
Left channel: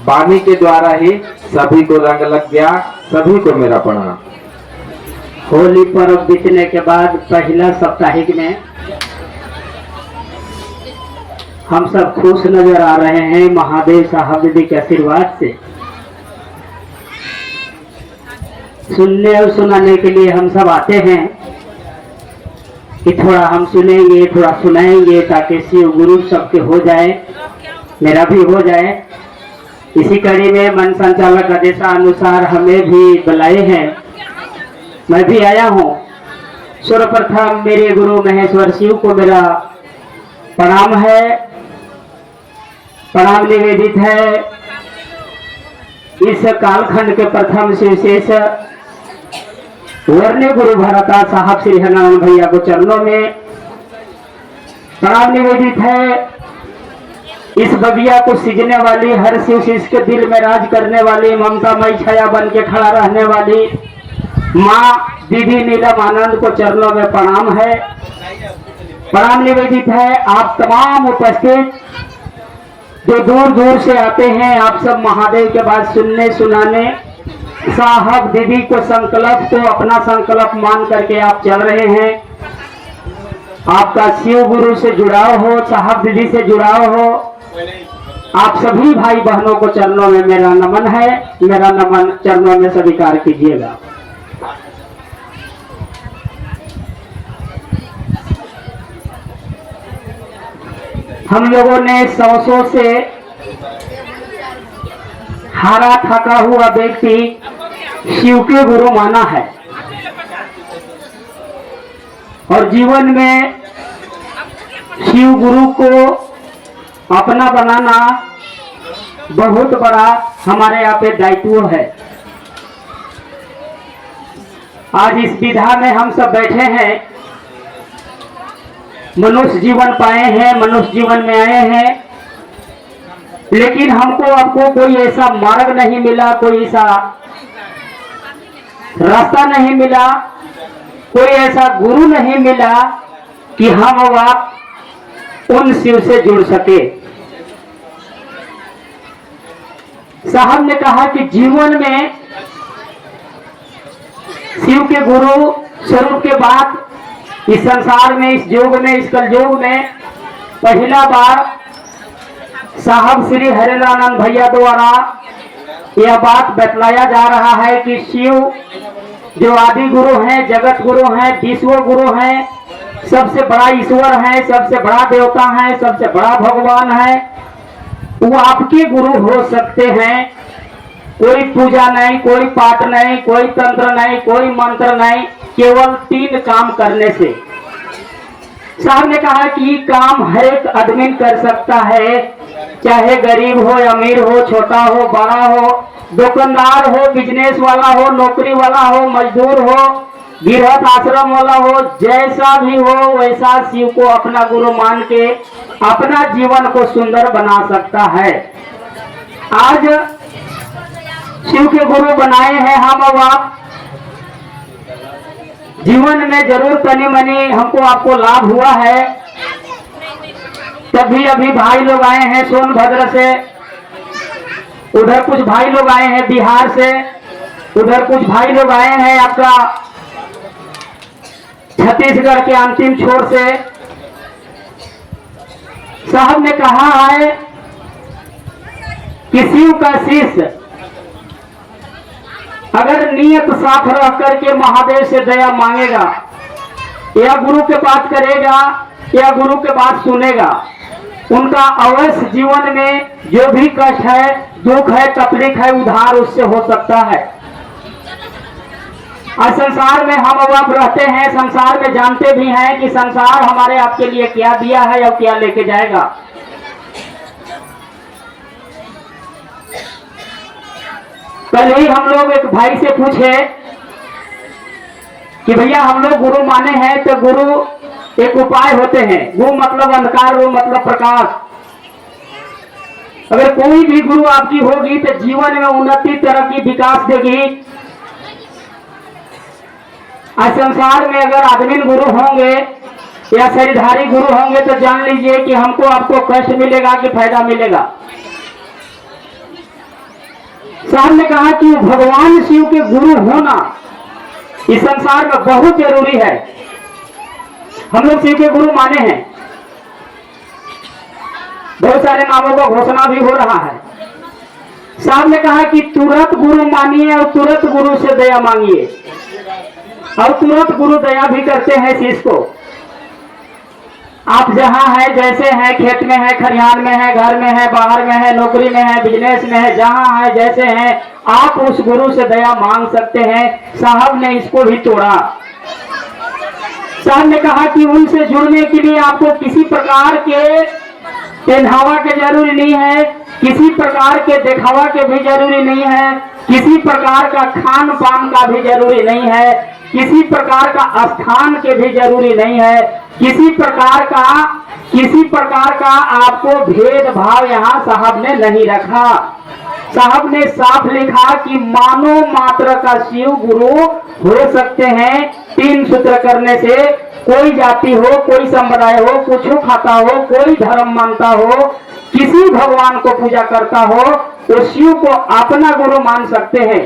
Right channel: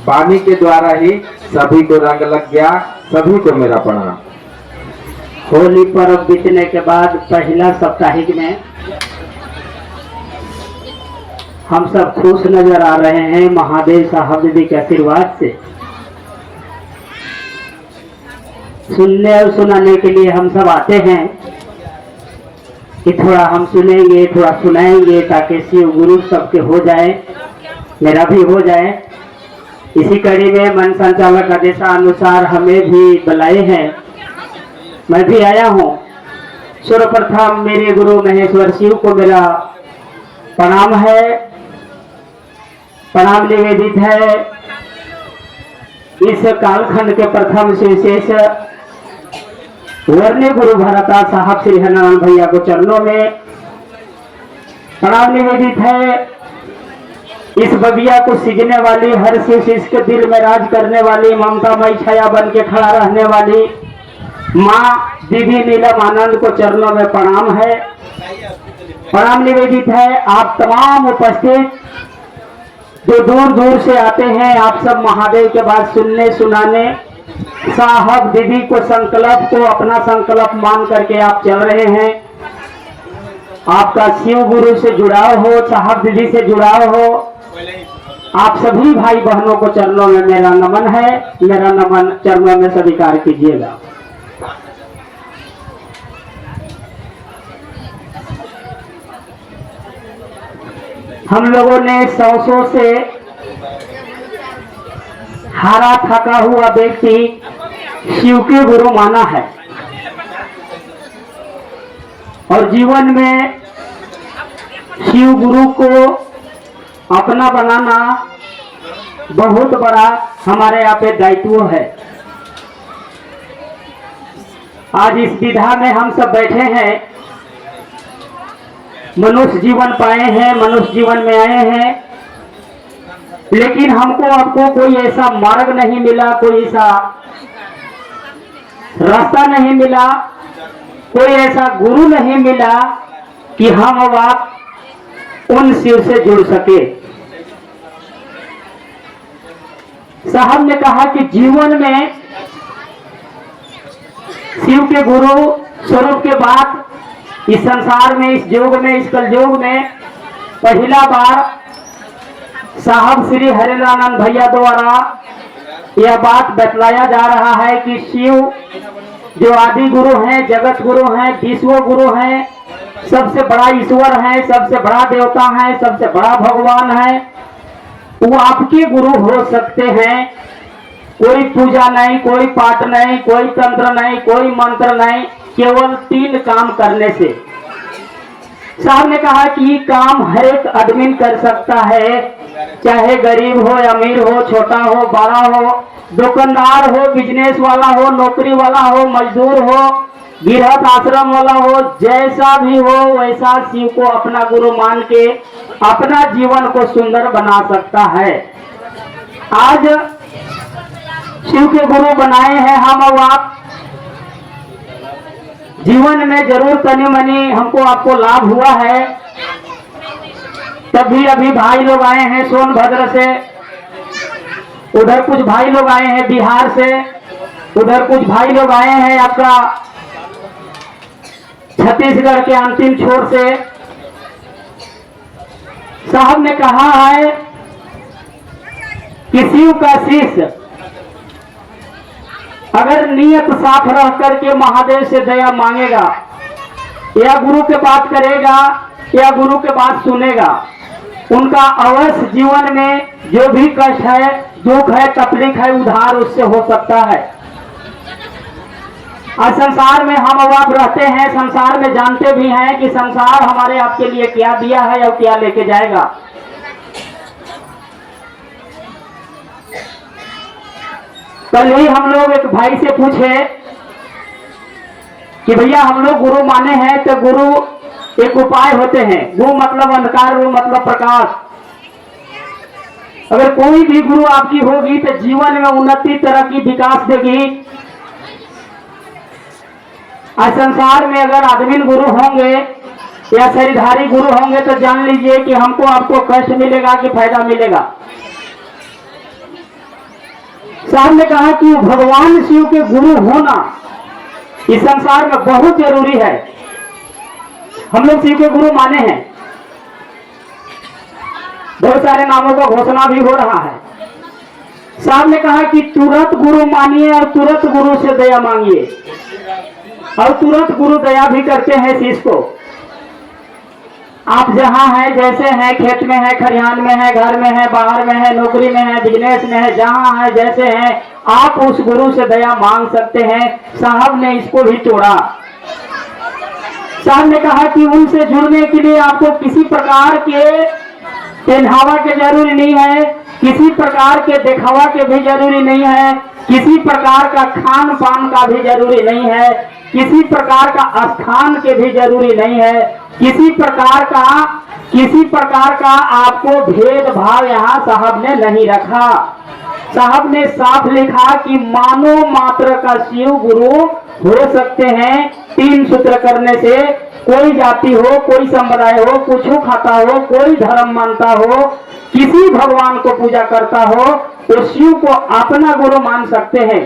वाणी के द्वारा ही सभी को रंग लग गया। सभी को मेरा प्रणाम। होली पर्व बीतने के बाद पहला साप्ताहिक में हम सब खुश नजर आ रहे हैं महादेव साहब दीदी के आशीर्वाद से। सुनने और सुनाने के लिए हम सब आते हैं कि थोड़ा हम सुनेंगे, थोड़ा सुनाएंगे, ताकि शिव गुरु सबके हो जाए, मेरा भी हो जाए। इसी कड़ी में मन संचालक आदेशानुसार हमें भी बुलाए हैं, मैं भी आया हूँ। सर्वप्रथम मेरे गुरु महेश्वर शिव को मेरा प्रणाम है, प्रणाम निवेदित है। इस कालखंड के प्रथम से विशेष वर्ण्य गुरु भरता साहब श्री हरिनारायण भैया को चरणों में प्रणाम निवेदित है। इस बगिया को सींचने वाली, हर शिव शिष्य के दिल में राज करने वाली, ममतामयी छाया बन के खड़ा रहने वाली माँ दीदी नीलम आनंद को चरणों में प्रणाम है, प्रणाम निवेदित है। आप तमाम उपस्थित जो दूर दूर से आते हैं, आप सब महादेव के बात सुनने सुनाने, साहब दीदी को संकल्प को अपना संकल्प मान करके आप चल रहे हैं। आपका शिव गुरु से जुड़ाव हो, साहब दीदी से जुड़ाव हो। आप सभी भाई बहनों को चरणों में मेरा नमन है, मेरा नमन चरणों में स्वीकार कीजिएगा। हम लोगों ने सौ से हारा थका हुआ व्यक्ति शिव के गुरु माना है, और जीवन में शिव गुरु को अपना बनाना बहुत बड़ा हमारे यहाँ पे दायित्व है। आज इस विधा में हम सब बैठे हैं, मनुष्य जीवन पाए हैं, मनुष्य जीवन में आए हैं, लेकिन हमको आपको कोई ऐसा मार्ग नहीं मिला, कोई ऐसा रास्ता नहीं मिला, कोई ऐसा गुरु नहीं मिला कि हम अब आप उन शिव से जुड़ सके। साहब ने कहा कि जीवन में शिव के गुरु स्वरूप के बाद इस संसार में, इस युग में, इस कलयुग में पहला बार साहब श्री हरिनारायण भैया द्वारा यह बात बतलाया जा रहा है कि शिव जो आदि गुरु हैं, जगत गुरु हैं, विश्व गुरु हैं, सबसे बड़ा ईश्वर है, सबसे बड़ा देवता है, सबसे बड़ा भगवान है, वो आपके गुरु हो सकते हैं। कोई पूजा नहीं, कोई पाठ नहीं, कोई तंत्र नहीं, कोई मंत्र नहीं, केवल 3 काम करने से। साहब ने कहा कि ये काम हर एक आदमी कर सकता है, चाहे गरीब हो, अमीर हो, छोटा हो, बड़ा हो, दुकानदार हो, बिजनेस वाला हो, नौकरी वाला हो, मजदूर हो, गृहस्थ आश्रम वाला हो, जैसा भी हो वैसा शिव को अपना गुरु मान के अपना जीवन को सुंदर बना सकता है। आज शिव के गुरु बनाए हैं हम और आप। जीवन में जरूर तनी मनी हमको आपको लाभ हुआ है। तभी अभी भाई लोग आए हैं सोनभद्र से, उधर कुछ भाई लोग आए हैं बिहार से, उधर कुछ भाई लोग आए हैं आपका छत्तीसगढ़ के अंतिम छोर से। साहब ने कहा है कि शिव का शिष्य अगर नियत साफ रह करके महादेव से दया मांगेगा, या गुरु के बात करेगा, या गुरु के बात सुनेगा, उनका अवश्य जीवन में जो भी कष्ट है, दुख है, तकलीफ है, उधार उससे हो सकता है। और संसार में हम अब आप रहते हैं, संसार में जानते भी हैं कि संसार हमारे आपके लिए क्या दिया है और क्या लेके जाएगा। कल ही हम लोग एक भाई से पूछे कि भैया हम लोग गुरु माने हैं, तो गुरु एक उपाय होते हैं। गुरु मतलब अंधकार, गुरु मतलब प्रकाश। अगर कोई भी गुरु आपकी होगी तो जीवन में उन्नति, तरक्की, विकास देगी। आज संसार में अगर आदमी गुरु होंगे या शरीरधारी गुरु होंगे तो जान लीजिए कि हमको आपको कष्ट मिलेगा कि फायदा मिलेगा। साहब ने कहा कि भगवान शिव के गुरु होना इस संसार में बहुत जरूरी है। हम लोग शिव के गुरु माने हैं, बहुत सारे नामों का घोषणा भी हो रहा है। साहब ने कहा कि तुरंत गुरु मानिए और तुरंत गुरु से दया मांगिए, और तुरंत गुरु दया भी करते हैं शिष्य को। आप जहां हैं, जैसे हैं, खेत में है, खरिहान में है, घर में है, बाहर में है, नौकरी में है, बिजनेस में है, जहां है, जैसे हैं, आप उस गुरु से दया मांग सकते हैं। साहब ने इसको भी तोड़ा। साहब ने कहा कि उनसे जुड़ने के लिए आपको किसी प्रकार के पहनावा के जरूरी नहीं है, किसी प्रकार के दिखावा के भी जरूरी नहीं है, किसी प्रकार का खान पान का भी जरूरी नहीं है, किसी प्रकार का स्थान के भी जरूरी नहीं है, किसी प्रकार का आपको भेदभाव यहाँ साहब ने नहीं रखा। साहब ने साफ लिखा कि मानव मात्र का शिव गुरु हो सकते हैं। 3 सूत्र करने से कोई जाति हो, कोई संप्रदाय हो, कुछ खाता हो, कोई धर्म मानता हो, किसी भगवान को पूजा करता हो, तो शिव को अपना गुरु मान सकते हैं।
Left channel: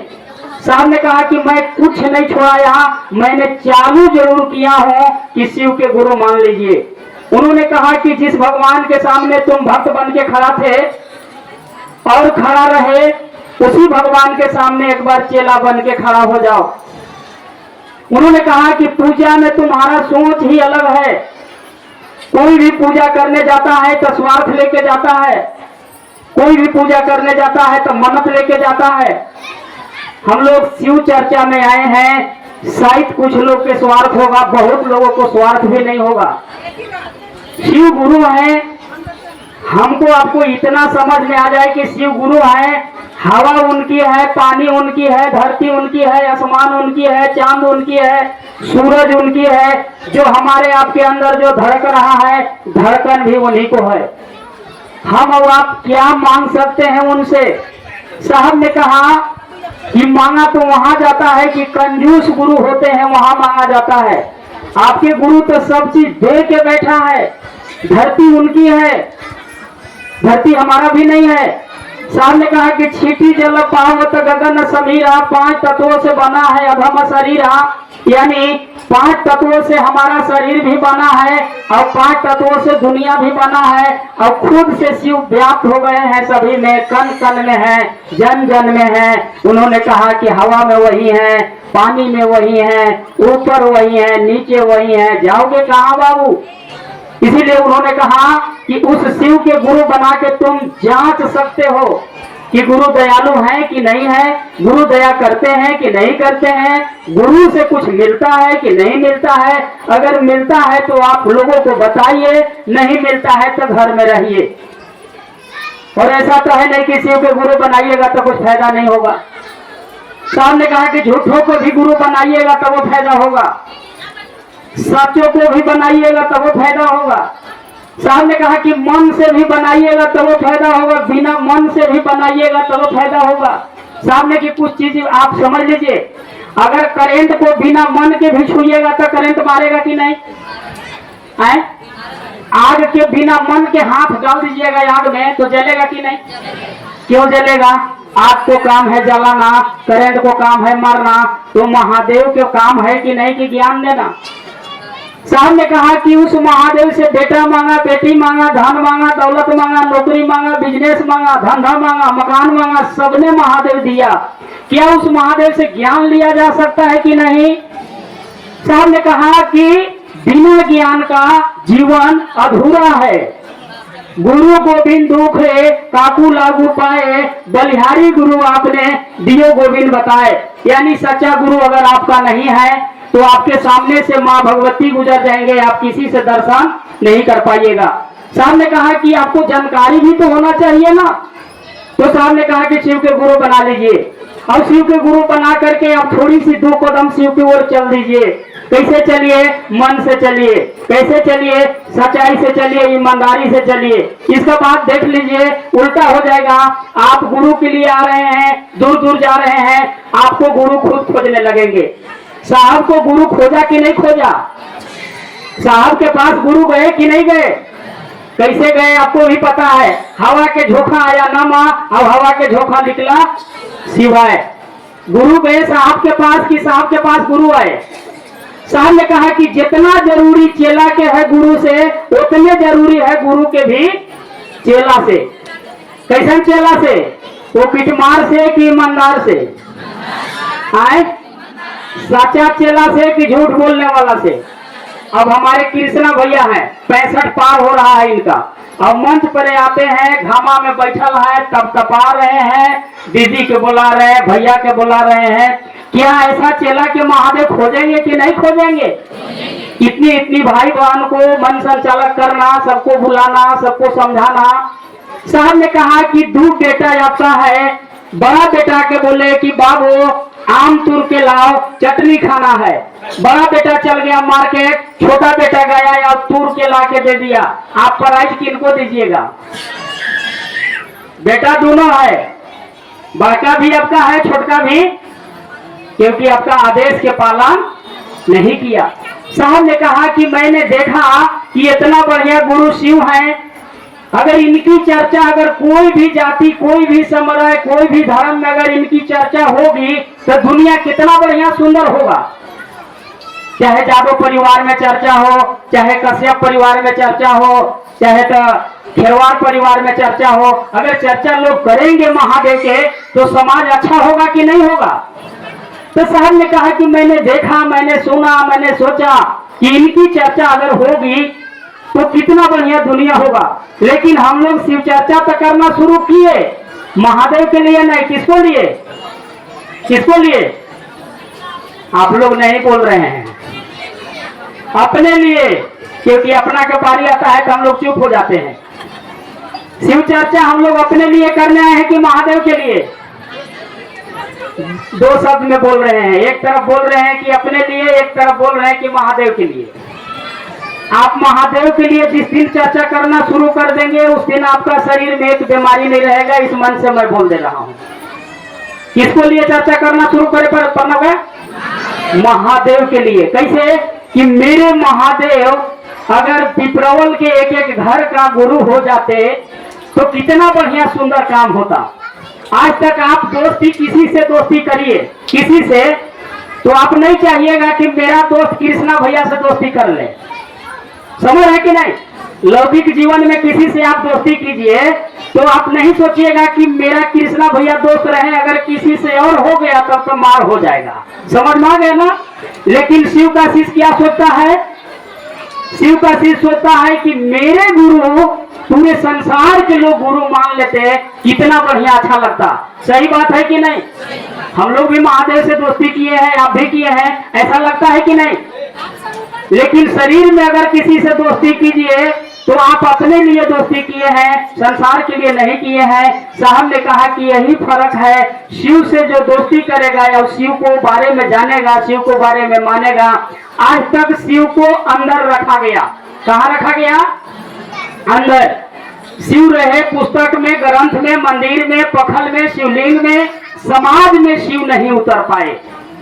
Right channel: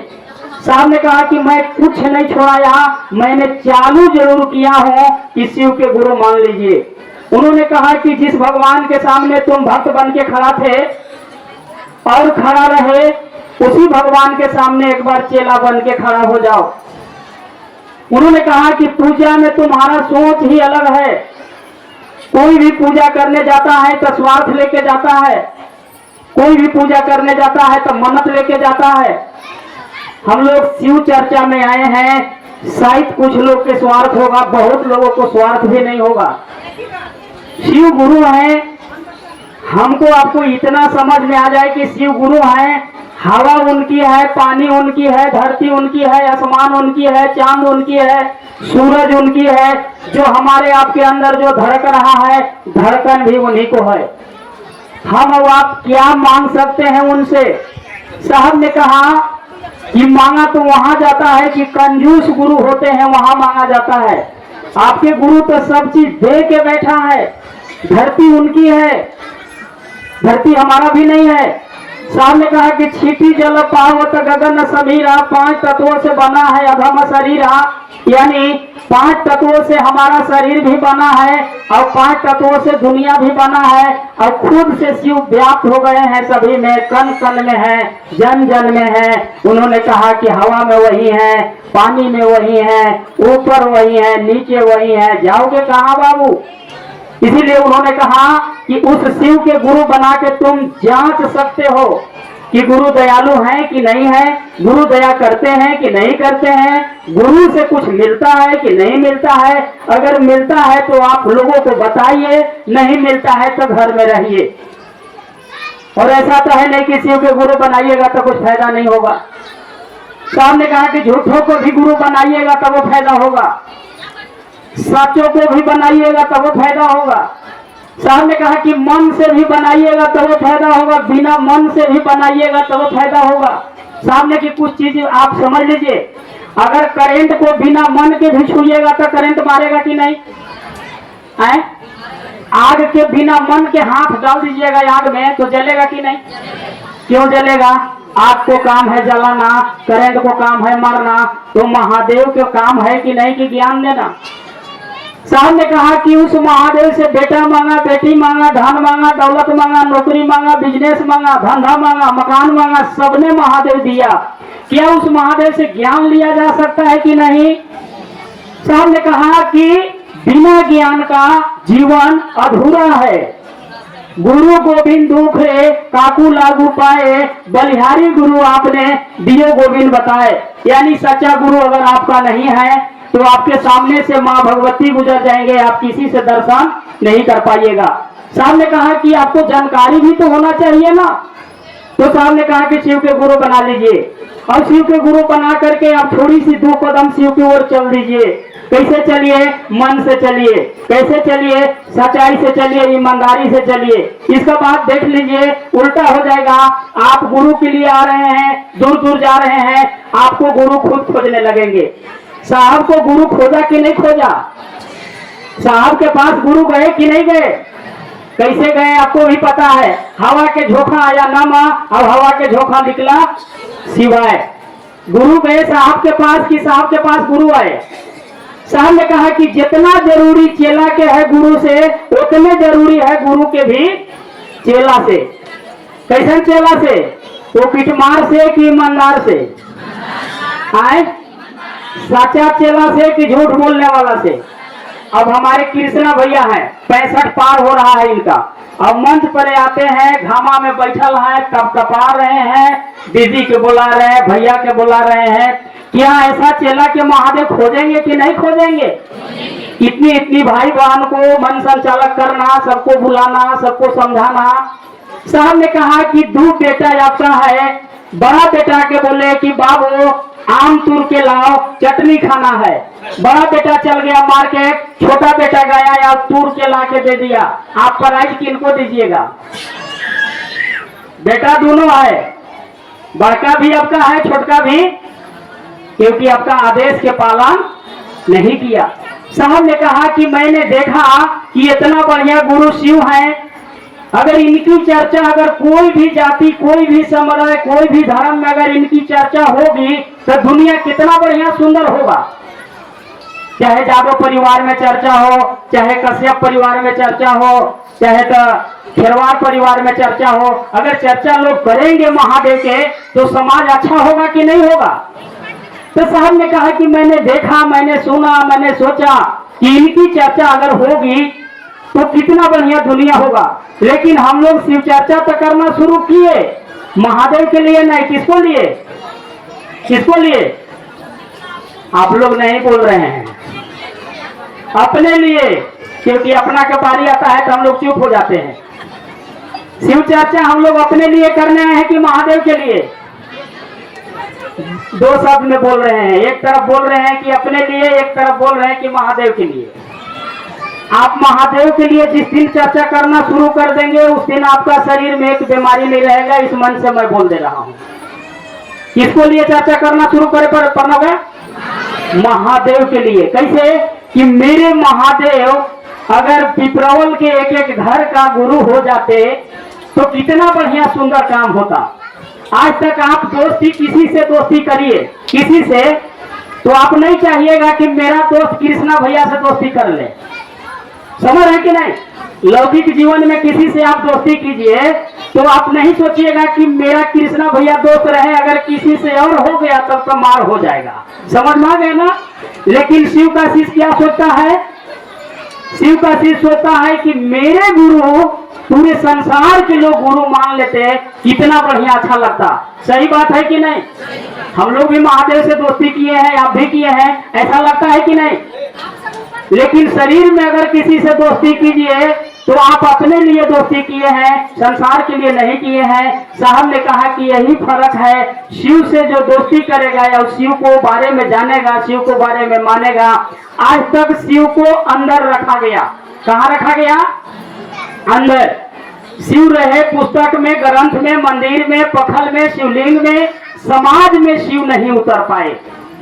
साहब ने कहा कि मैं कुछ नहीं छोड़ा, यहाँ मैंने चालू जरूर किया हूँ कि शिव के गुरु मान लीजिए। उन्होंने कहा कि जिस भगवान के सामने तुम भक्त बन के खड़ा थे और खड़ा रहे, उसी भगवान के सामने एक बार चेला बन के खड़ा हो जाओ। उन्होंने कहा कि पूजा में तुम्हारा सोच ही अलग है। कोई भी पूजा करने जाता है तो स्वार्थ लेके जाता है, कोई भी पूजा करने जाता है तो मन्नत लेके जाता है। हम लोग शिव चर्चा में आए हैं, शायद कुछ लोग के स्वार्थ होगा, बहुत लोगों को स्वार्थ भी नहीं होगा। शिव गुरु है, हमको आपको इतना समझ में आ जाए कि शिव गुरु है। हवा उनकी है, पानी उनकी है, धरती उनकी है, आसमान उनकी है, चांद उनकी है, सूरज उनकी है। जो हमारे आपके अंदर जो धड़क रहा है, धड़कन भी उन्हीं को है। हम और आप क्या मांग सकते हैं उनसे? साहब ने कहा कि मांगा तो वहां जाता है कि कंजूस गुरु होते हैं, वहां मांगा जाता है। आपके गुरु तो सब चीज दे के बैठा है। धरती उनकी है, धरती हमारा भी नहीं है। साहब ने कहा कि छीटी जल पावत गगन समीरा, 5 तत्वों से बना है अधम शरीरा। यानी 5 तत्वों से हमारा शरीर भी बना है और 5 तत्वों से दुनिया भी बना है, और खुद से शिव व्याप्त हो गए हैं सभी में, कण कण में है, जन जन में है। उन्होंने कहा कि हवा में वही है, पानी में वही है, ऊपर वही है, नीचे वही है, जाओगे कहाँ बाबू? इसीलिए उन्होंने कहा कि उस शिव के गुरु बना के तुम जांच सकते हो कि गुरु दयालु हैं कि नहीं है, गुरु दया करते हैं कि नहीं करते हैं, गुरु से कुछ मिलता है कि नहीं मिलता है। अगर मिलता है तो आप लोगों को बताइए, नहीं मिलता है तो घर में रहिए। और ऐसा तो है नहीं कि शिव के गुरु बनाइएगा तो कुछ फायदा नहीं होगा। साहब ने कहा कि झूठों को भी गुरु बनाइएगा तब वो फायदा होगा, सचों को भी बनाइएगा तब वो फायदा होगा। साहब ने कहा कि मन से भी बनाइएगा तो वो फायदा होगा, बिना मन से भी बनाइएगा तो वो फायदा होगा। साहब ने कि कुछ चीज आप समझ लीजिए, अगर करंट को बिना मन के भी छूइएगा तो करंट मारेगा कि नहीं? आग के बिना मन के हाथ डाल दीजिएगा आग में तो जलेगा कि नहीं? क्यों जलेगा? आग को काम है जलाना, करंट को काम है मारना, तो महादेव के काम है कि नहीं कि ज्ञान देना। साहब ने कहा कि उस महादेव से बेटा मांगा, बेटी मांगा, धन मांगा, दौलत मांगा, नौकरी मांगा, बिजनेस मांगा, धंधा मांगा, मकान मांगा, सबने महादेव दिया। क्या उस महादेव से ज्ञान लिया जा सकता है कि नहीं? साहब ने कहा कि बिना ज्ञान का जीवन अधूरा है। गुरु गोविंद दुख रे काकू लागू पाए, बलिहारी गुरु आपने दियो गोविंद बताए। यानी सच्चा गुरु अगर आपका नहीं है तो आपके सामने से माँ भगवती गुजर जाएंगे, आप किसी से दर्शन नहीं कर पाइएगा। साहब ने कहा कि आपको जानकारी भी तो होना चाहिए ना, तो साहब ने कहा कि शिव के गुरु बना लीजिए। अब शिव के गुरु बना करके आप थोड़ी सी 2 कदम शिव की ओर चल दीजिए। कैसे चलिए? मन से चलिए। कैसे चलिए? सच्चाई से चलिए, ईमानदारी से चलिए। इसका बाद देख लीजिए उल्टा हो जाएगा। आप गुरु के लिए आ रहे हैं, दूर दूर जा रहे हैं, आपको गुरु खुद खोजने लगेंगे। साहब को गुरु खोजा कि नहीं खोजा? साहब के पास गुरु गए कि नहीं गए? कैसे गए आपको भी पता है। हवा के झोंका आया नामा, अब हवा के झोंका निकला सिवाय। गुरु गए साहब के पास कि साहब के पास गुरु आए? साहब ने कहा कि जितना जरूरी चेला के है गुरु से, उतने जरूरी है गुरु के भी चेला से। कैसन चेला से? वो पिटमार से कि ईमानदार से? आए सच्चा चेला से कि झूठ बोलने वाला से? अब हमारे कृष्णा भैया हैं, 65 पार हो रहा है इनका। अब मंच पर आते हैं, घामा में बैठल है, तब तपा रहे हैं, दीदी के बुला रहे हैं, भैया के बुला रहे हैं। क्या ऐसा चेला के महादेव खोजेंगे कि नहीं खोजेंगे? इतनी इतनी भाई बहन को मन संचालक करना, सबको बुलाना, सबको समझाना। साहब ने कहा कि 2 बेटा आपका है। बड़ा बेटा के बोले कि बाबू आम तूर के लाओ, चटनी खाना है। बड़ा बेटा चल गया मार्केट, छोटा बेटा गया या तूर के ला के दे दिया। आप प्राइज किनको दीजिएगा? बेटा दोनों है, बड़का भी आपका है, छोटका भी, क्योंकि आपका आदेश के पालन नहीं किया। साहब ने कहा कि मैंने देखा कि इतना बढ़िया गुरु शिव है, अगर इनकी चर्चा, अगर कोई भी जाति, कोई भी समुदाय, कोई भी धर्म में अगर इनकी चर्चा होगी तो दुनिया कितना बढ़िया सुंदर होगा। चाहे जादव परिवार में चर्चा हो, चाहे कश्यप परिवार में चर्चा हो, चाहे तो खेरवार परिवार में चर्चा हो, अगर चर्चा लोग करेंगे महादेव के तो समाज अच्छा होगा कि नहीं होगा? तो साहब ने कहा कि मैंने देखा, मैंने सुना, मैंने सोचा कि इनकी चर्चा अगर होगी तो कितना बढ़िया दुनिया होगा। लेकिन हम लोग शिव चर्चा तो करना शुरू किए, महादेव के लिए नहीं। किसको लिए? किसको लिए? आप लोग नहीं बोल रहे हैं। अपने लिए, क्योंकि अपना के बारी आता है तो हम लोग चुप हो जाते हैं। शिव चर्चा हम लोग अपने लिए करने आए हैं कि महादेव के लिए? 2 शब्द में बोल रहे हैं। एक तरफ बोल रहे हैं कि अपने लिए, एक तरफ बोल रहे हैं कि महादेव के लिए। आप महादेव के लिए जिस दिन चर्चा करना शुरू कर देंगे उस दिन आपका शरीर में एक बीमारी नहीं रहेगा। इस मन से मैं बोल दे रहा हूँ। किसको लिए चर्चा करना शुरू करे पड़ना है? महादेव के लिए। कैसे? कि मेरे महादेव अगर पिपरवल के एक एक घर का गुरु हो जाते तो कितना बढ़िया सुंदर काम होता। आज तक आप दोस्ती, किसी से दोस्ती करिए, किसी से, तो आप नहीं चाहिएगा कि मेरा दोस्त कृष्णा भैया से दोस्ती कर ले। समझ है कि नहीं? लौकिक जीवन में किसी से आप दोस्ती कीजिए तो आप नहीं सोचिएगा कि मेरा कृष्णा भैया दोस्त रहे, अगर किसी से और हो गया तब तो मार हो जाएगा। समझ में आ गया ना? लेकिन शिव का शिष्य क्या सोचता है? शिव का शिष्य सोचता है कि मेरे गुरु पूरे संसार के लोग गुरु मान लेते, कितना बढ़िया अच्छा लगता। सही बात है कि नहीं? हम लोग भी महादेव से दोस्ती किए हैं, आप भी किए हैं, ऐसा लगता है कि नहीं? लेकिन शरीर में अगर किसी से दोस्ती कीजिए तो आप अपने लिए दोस्ती किए हैं, संसार के लिए नहीं किए हैं। साहब ने कहा कि यही फर्क है, शिव से जो दोस्ती करेगा या शिव को बारे में जानेगा, शिव को बारे में मानेगा। आज तक शिव को अंदर रखा गया। कहाँ रखा गया? अंदर। शिव रहे पुस्तक में, ग्रंथ में, मंदिर में, पखल में, शिवलिंग में, समाज में शिव नहीं उतर पाए।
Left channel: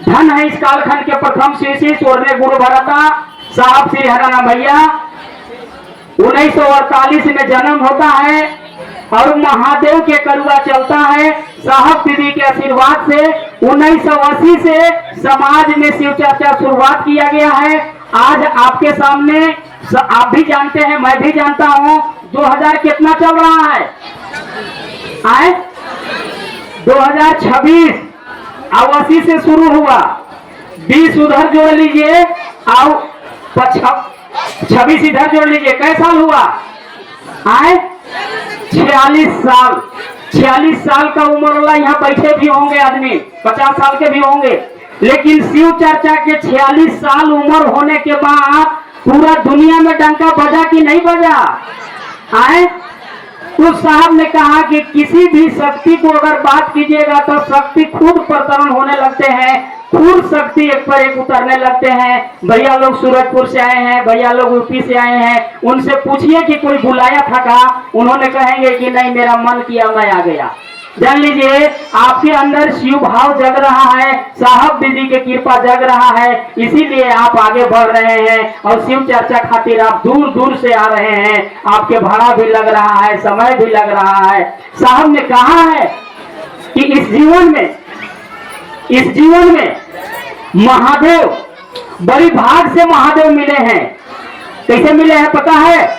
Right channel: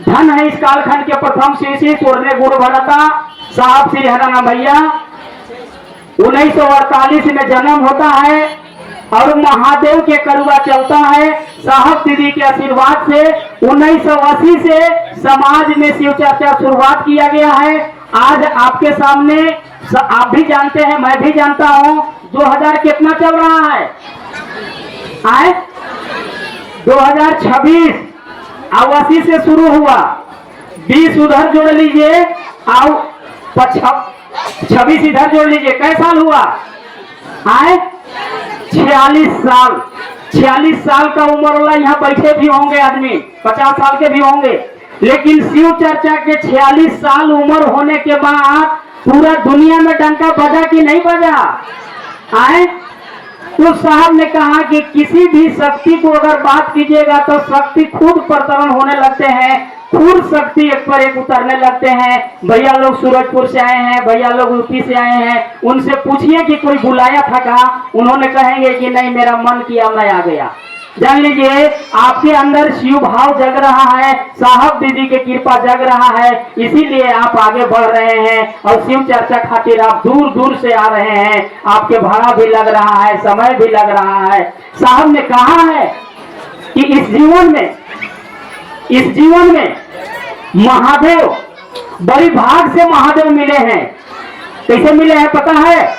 धन है इस कालखंड के प्रथम शिव स्वर्णिम गुरु भरता साहब श्री हराना भैया। 1948 में जन्म होता है और महादेव के करुआ चलता है। साहब दीदी के आशीर्वाद से 1980 से समाज में शिव चर्चा शुरुआत किया गया है। आज आपके सामने आप भी जानते हैं, मैं भी जानता हूं, 2000 कितना चल रहा है? आए 2026 अब 80 से शुरू हुआ, 20 उधर जोड़ लीजिए और 26 इधर जोड़ लीजिए, कैसा साल हुआ? आए 46 साल। 46 साल का उम्र वाला यहाँ बैठे भी होंगे आदमी, 50 साल के भी होंगे, लेकिन शिव चर्चा के 46 साल उम्र होने के बाद पूरा दुनिया में डंका बजा कि नहीं बजा? आए तो साहब ने कहा कि किसी भी शक्ति को अगर बात कीजिएगा तो शक्ति खुद प्रतरन होने लगते हैं, खुद शक्ति एक पर एक उतरने लगते हैं। भैया लोग सूरजपुर से आए हैं, भैया लोग यूपी से आए हैं, उनसे पूछिए कि कोई बुलाया था का? उन्होंने कहेंगे कि नहीं, मेरा मन किया मैं आ गया। जान लीजिए आपके अंदर शिव भाव जग रहा है, साहब दीदी की कृपा जग रहा है, इसीलिए आप आगे बढ़ रहे हैं और शिव चर्चा खातिर आप दूर दूर से आ रहे हैं। आपके भाड़ा भी लग रहा है, समय भी लग रहा है। साहब ने कहा है कि इस जीवन में महादेव बड़ी भाग से महादेव मिले हैं। कैसे मिले हैं पता है?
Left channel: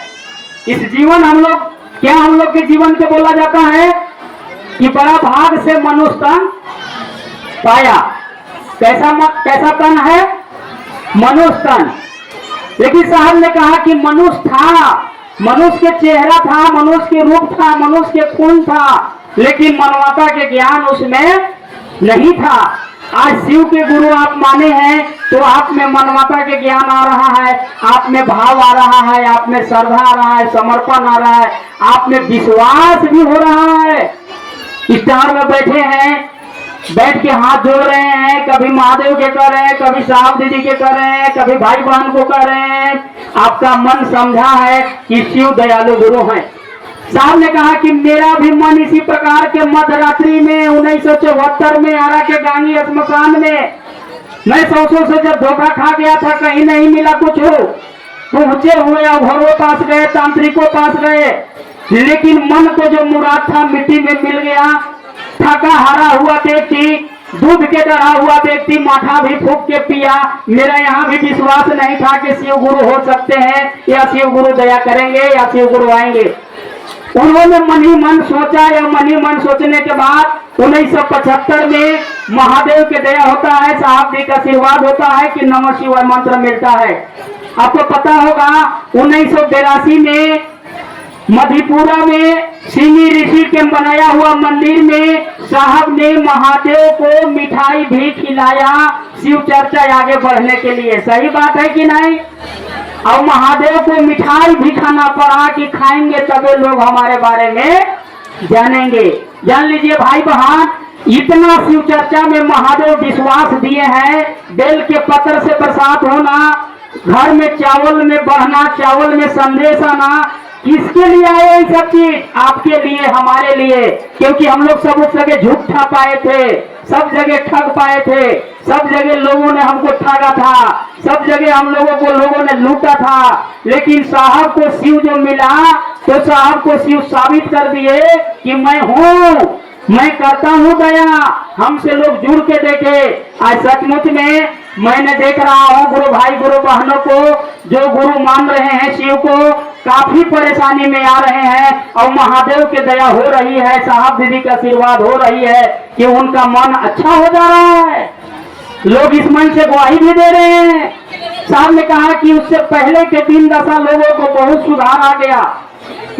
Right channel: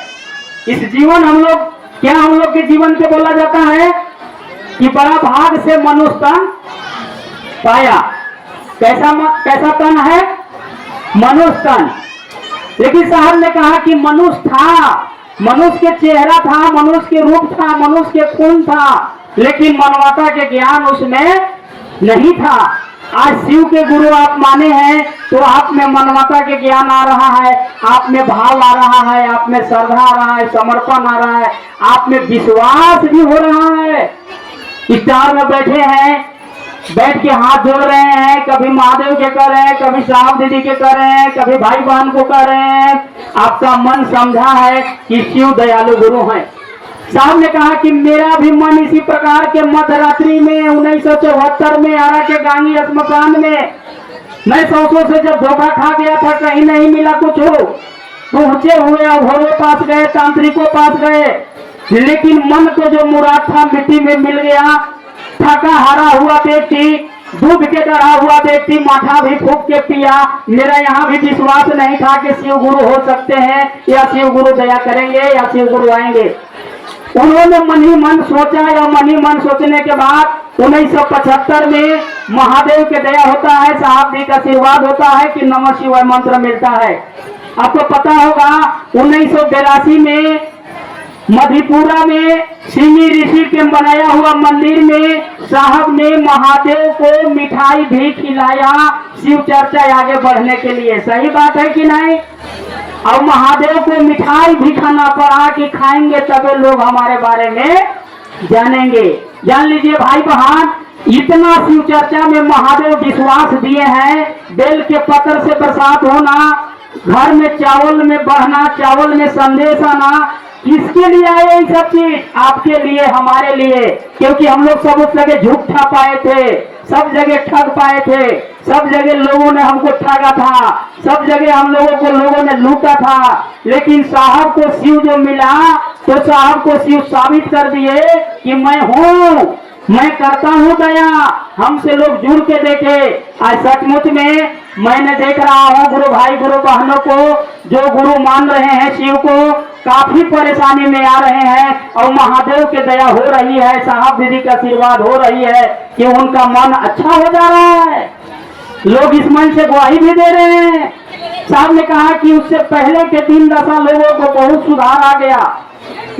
इस जीवन हम लोग के जीवन के बोला जाता है कि बड़ा भाग से मनुष्य तन पाया। कैसा तन है? मनुष्य तन। लेकिन साहब ने कहा कि मनुष्य था, मनुष्य के चेहरा था, मनुष्य के रूप था, मनुष्य के खून था, लेकिन मानवता के ज्ञान उसमें नहीं था। आज शिव के गुरु आप माने हैं तो आप में मानवता के ज्ञान आ रहा है, आप में भाव आ रहा है, आप में श्रद्धा आ रहा है, समर्पण आ रहा है, आप में विश्वास भी हो रहा है। स्टार में बैठे हैं, बैठ के हाथ जोड़ रहे हैं, कभी महादेव के कर रहे हैं, कभी साहब दीदी के कर रहे हैं, कभी भाई बहन को कर रहे हैं। आपका मन समझा है कि शिव दयालु गुरु हैं। साहब ने कहा कि मेरा भी मन इसी प्रकार के मध्यरात्रि में 1974 में आरा के गांगी श्मशान में मैं सौसों से जब धोखा खा गया था, कहीं नहीं मिला कुछ हो, पहुंचे हुए अघोरों पास गए, तांत्रिकों पास गए, लेकिन मन को जो मुराद था मिट्टी में मिल गया। थका हारा हुआ व्यक्ति, दूध के चढ़ा हुआ व्यक्ति माथा भी फूंक के पिया। मेरा यहाँ भी विश्वास नहीं था कि शिव गुरु हो सकते हैं या शिव गुरु दया करेंगे या शिव गुरु आएंगे। उन्होंने मन ही मन सोचा, या मन ही मन सोचने के बाद 1975 में महादेव के दया होता है, साहब जी का आशीर्वाद होता है कि नमः शिवाय मंत्र मिलता है। आपको पता होगा 1982 में मधेपुरा में सिमी ऋषि के बनाया हुआ मंदिर में साहब ने महादेव को मिठाई भी खिलाया शिव चर्चा आगे बढ़ने के लिए। सही बात है कि नहीं? और महादेव को मिठाई भी खाना पड़ा कि खाएंगे तभी लोग हमारे बारे में जानेंगे। जान लीजिए भाई बहन, इतना शिव चर्चा में महादेव विश्वास दिए हैं। बेल के पत्र से बरसात होना, घर में चावल में बढ़ना, चावल में संदेश आना, किसके लिए आए ये सब चीज? आपके लिए, हमारे लिए। क्योंकि हम लोग सब उस जगह झूठ ठा पाए थे, सब जगह ठग पाए थे, सब जगह लोगों ने हमको ठगा था, सब जगह हम लोगों को लोगों ने लूटा था। लेकिन साहब को शिव जो मिला तो साहब को शिव साबित कर दिए कि मैं हूँ, मैं करता हूँ दया। हमसे लोग जुड़ के देखे। आज सचमुच में मैंने देख रहा हूँ गुरु भाई गुरु बहनों को जो गुरु मान रहे हैं शिव को, काफी परेशानी में आ रहे हैं और महादेव की दया हो रही है, साहब दीदी का आशीर्वाद हो रही है कि उनका मन अच्छा हो जा रहा है। लोग इस मन से गवाही भी दे रहे हैं। साहब ने कहा कि उससे पहले के 3 दशा लोगों को बहुत सुधार आ गया।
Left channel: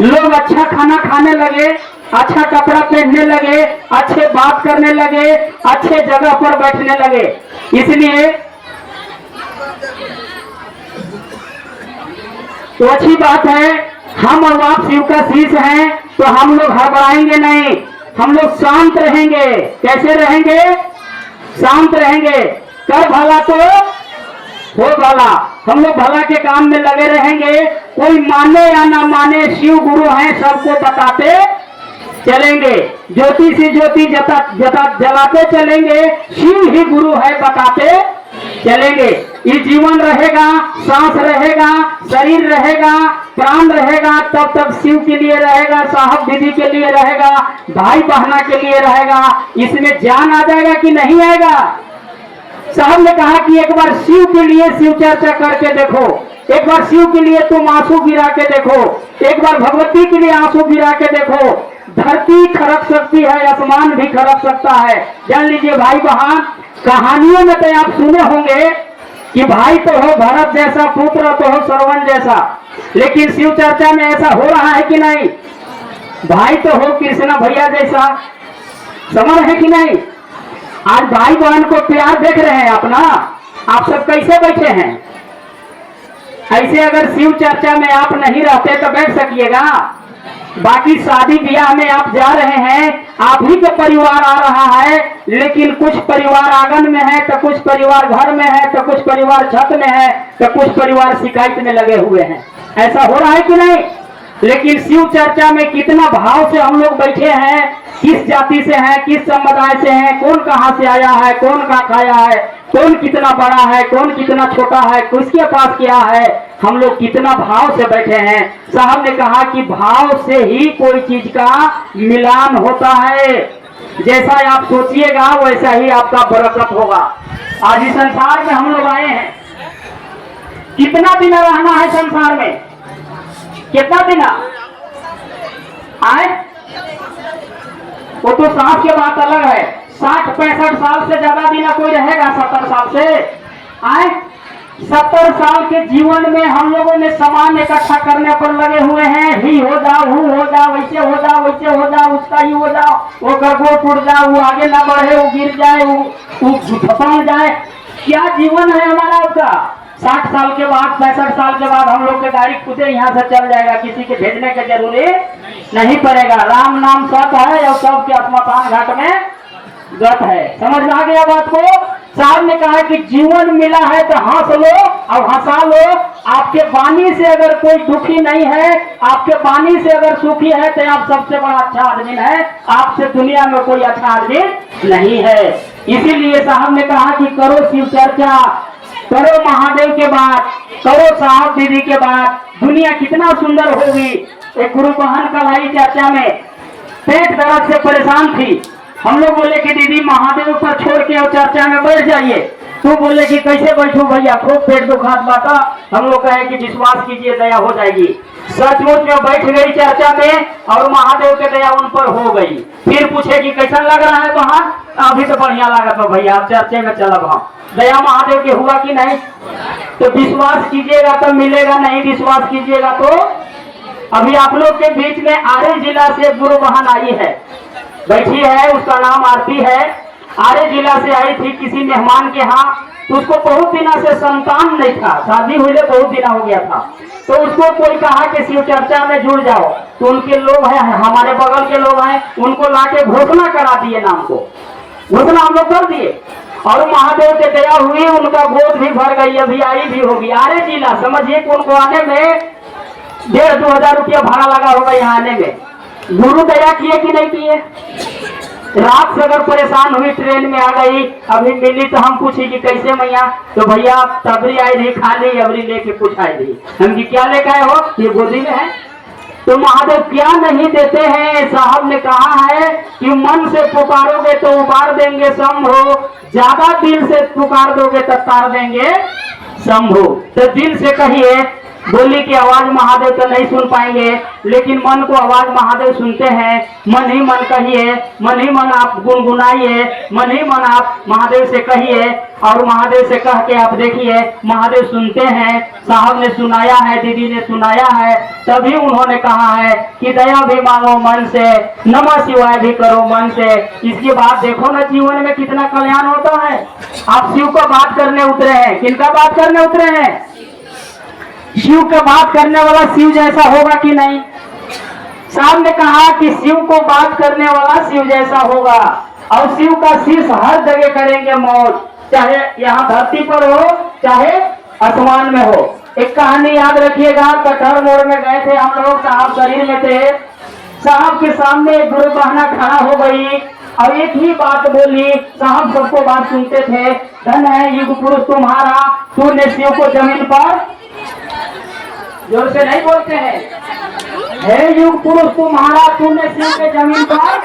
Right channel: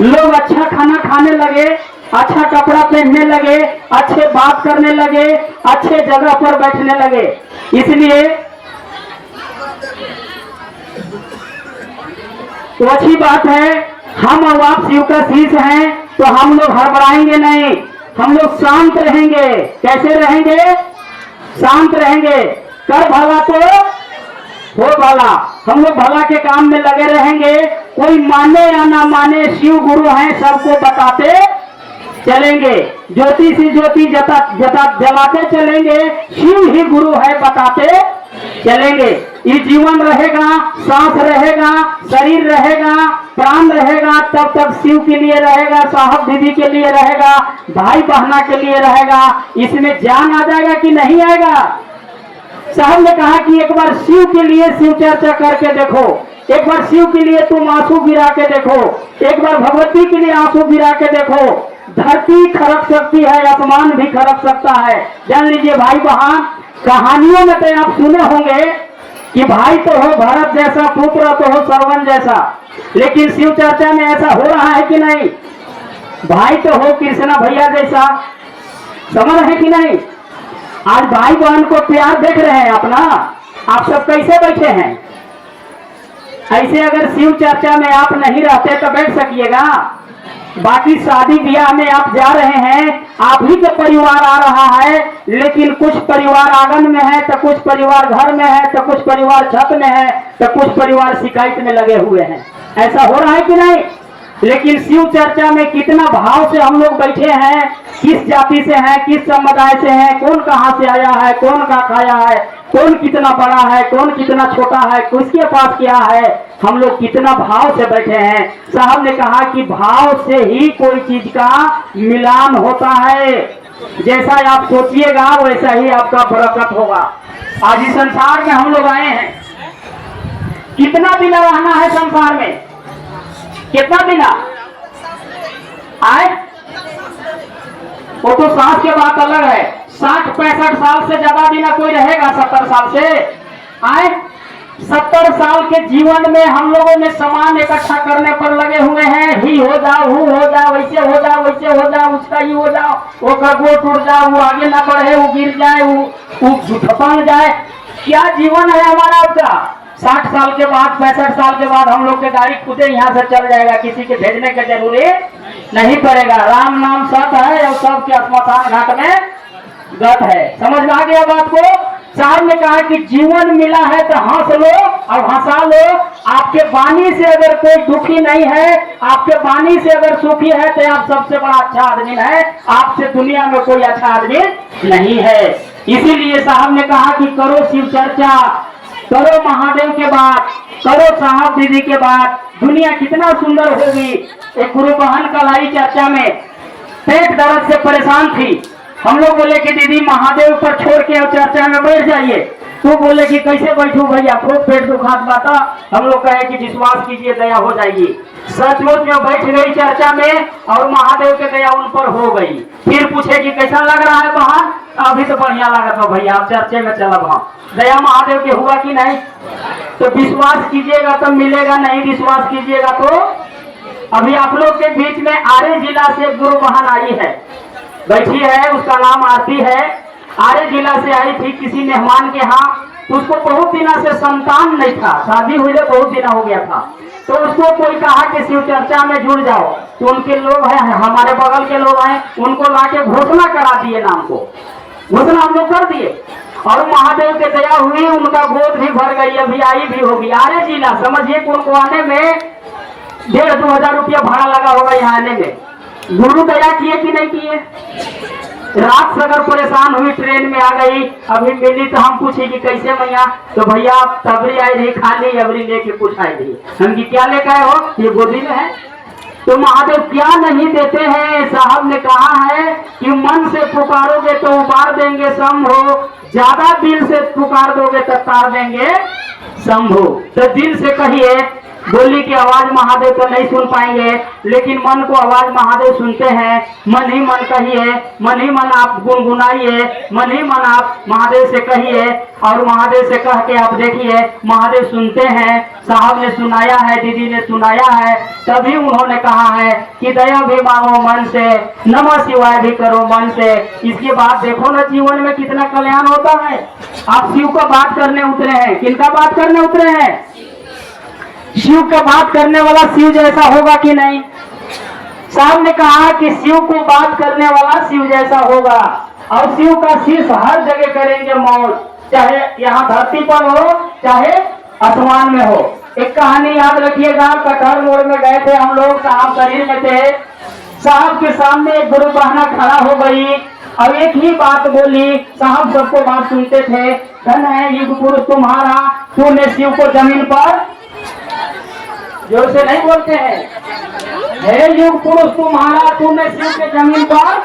लोग अच्छा खाना खाने लगे, अच्छा कपड़ा पहनने लगे, अच्छे बात करने लगे, अच्छे जगह पर बैठने लगे। इसलिए तो अच्छी बात है हम और आप शिव का शीश हैं, तो हम लोग घबराएंगे नहीं, हम लोग शांत रहेंगे। कैसे रहेंगे? शांत रहेंगे। कर भला तो हो भला। हम लोग भला के काम में लगे रहेंगे। कोई माने या ना माने, शिव गुरु हैं, सबको बताते चलेंगे। ज्योति से ज्योति जलाते चलेंगे, शिव ही गुरु है बताते चलेंगे। ये जीवन रहेगा, सांस रहेगा, शरीर रहेगा, प्राण रहेगा, तब तक शिव के लिए रहेगा, साहब दीदी के लिए रहेगा, भाई बहना के लिए रहेगा। इसमें जान आ जाएगा कि नहीं आएगा? साहब ने कहा कि एक बार शिव के लिए शिव चर्चा करके देखो, एक बार शिव के लिए तुम आंसू गिरा के देखो, एक बार भगवती के लिए आंसू गिरा के देखो। धरती खरक सकती है, आसमान भी खरक सकता है। जान लीजिए भाई बहन, कहानियों में तो आप सुने होंगे कि भाई तो हो भरत जैसा, पुत्र तो हो श्रवण जैसा, लेकिन शिव चर्चा में ऐसा हो रहा है कि नहीं? भाई तो हो कृष्णा भैया जैसा, समझ है कि नहीं? आज भाई बहन को प्यार देख रहे हैं अपना। आप सब कैसे बैठे हैं? ऐसे अगर शिव चर्चा में आप नहीं रहते तो बैठ सकिएगा? बाकी शादी ब्याह में आप जा रहे हैं, आप ही के परिवार आ रहा है, लेकिन कुछ परिवार आंगन में है, तो कुछ परिवार घर में है, तो कुछ परिवार छत में है, तो कुछ परिवार शिकायत में लगे हुए हैं। ऐसा हो रहा है कि नहीं? लेकिन शिव चर्चा में कितना भाव से हम लोग बैठे हैं, किस जाति से हैं, किस समुदाय से हैं, कौन कहाँ से आया है, कौन का खाया है, कौन कितना बड़ा है, कौन कितना छोटा है, किसके पास क्या है, हम लोग कितना भाव से बैठे हैं। साहब ने कहा कि भाव से ही कोई चीज का मिलान होता है। जैसा आप सोचिएगा वैसा ही आपका बरकत होगा। आज इस संसार में हम लोग आए हैं, कितना दिन रहना है संसार में? कितना दिन आए? वो तो सांस के बात अलग है। 60-65 साल से ज्यादा दिन कोई रहेगा? 70 साल से आए? 70 साल के जीवन में हम लोगों ने सामान इकट्ठा करने पर लगे हुए हैं। ही हो जाओ, हु हो जाओ, वैसे हो जाओ, वैसे हो जाओ, उसका ही हो जाओ, वो गड़बड़ टूट जाओ, वो आगे ना बढ़े, वो गिर जाए, वो झपक जाए। क्या जीवन है हमारा आपका? 60 साल के बाद, 65 साल के बाद हम लोग के गाड़ी खुदे यहाँ से चल जाएगा, किसी के भेजने की जरूरी नहीं पड़ेगा। राम नाम सत है और सबके स्मशान घाट में गत है। समझ में आ गया बात को? साहब ने कहा कि जीवन मिला है तो हंस लो और हंसा लो। आपके वाणी से अगर कोई दुखी नहीं है, आपके वाणी से अगर सुखी है, तो आप सबसे बड़ा अच्छा आदमी है। आपसे दुनिया में कोई अच्छा आदमी नहीं है। इसीलिए साहब ने कहा कि करो शिव चर्चा, करो महादेव के बात, करो साहब दीदी के बात, दुनिया कितना सुंदर होगी। एक गुरु बहन कल आई चर्चा में, पेट दर्द से परेशान थी। हम लोग बोले कि दीदी महादेव पर छोड़ के और चर्चा में बैठ जाइए। तू बोले कि कैसे बैठूं भैया, खूब पेट दुखात बाता। हम लोग कहे कि विश्वास कीजिए दया हो जाएगी। सचमुच में बैठ गई चर्चा में और महादेव के दया उन पर हो गई। फिर पूछे कि कैसा लग रहा है बहन? अभी तो बढ़िया लगा था भैया, आप चर्चे में चलब हम। दया महादेव के हुआ कि नहीं? तो विश्वास कीजिएगा तो मिलेगा, नहीं विश्वास कीजिएगा तो। अभी आप लोग के बीच में आरे जिला से गुरु बहन आई है, बैठी है, उसका नाम आरती है। आरे जिला से आई थी किसी मेहमान के यहाँ। उसको बहुत दिनों से संतान नहीं था, शादी हुए बहुत दिन हो गया था। तो उसको कोई कहा कि शिव चर्चा में जुड़ जाओ। तो उनके लोग हैं, हमारे बगल के लोग हैं, उनको लाके घोषणा करा दिए, नाम को घोषणा हम लोग कर दिए। और महादेव के दया हुई, उनका गोद भी भर गई, अभी आई भी होगी। आरे जिला समझिए कि उनको आने में 1,500-2 हजार रुपया भाड़ा लगा होगा यहाँ आने में। गुरु दया किए कि नहीं किए? रात से अगर परेशान हुई, ट्रेन में आ गई, अभी मिली तो हम पूछी कि कैसे मैया? तो भैया तबरी आई रही खाली, अबरी लेके पूछाई रही। हम कि क्या लेकर आए हो? ये गोदी में है। तो महादेव क्या नहीं देते हैं? साहब ने कहा है कि मन से पुकारोगे तो उबार देंगे शंभो, ज्यादा दिल से पुकार दोगे तो तार देंगे शंभो। तो दिल से कहिए, बोली की आवाज महादेव तो नहीं सुन पाएंगे, लेकिन मन को आवाज महादेव सुनते हैं। मन ही मन कहिए, मन ही मन आप गुनगुनाइए, मन ही मन आप महादेव से कहिए और महादेव से कह के आप देखिए, महादेव सुनते हैं। साहब ने सुनाया है, दीदी ने सुनाया है, तभी उन्होंने कहा है कि दया भी मांगो मन से, नमः शिवाय भी करो मन से। इसके बाद देखो ना जीवन में कितना कल्याण होता है। आप शिव को बात करने उतरे हैं, किनका बात करने उतरे हैं? शिव के बात करने वाला शिव जैसा होगा कि नहीं? साहब ने कहा कि शिव को बात करने वाला शिव जैसा होगा और शिव का शीश हर जगह करेंगे मौज, चाहे यहाँ धरती पर हो चाहे आसमान में हो। एक कहानी याद रखिएगा, कटहर मोड़ में गए थे हम लोग, साहब शरीर में थे। साहब के सामने एक गुरु बहना खड़ा हो गई और एक ही बात बोली। साहब सबको बात सुनते थे, धन है युग पुरुष तुम्हारा, तूने शिव को जमीन पर, जोर से नहीं बोलते हैं, हे युग पुरुष तुम्हारा, तूने शिव के जमीन पर,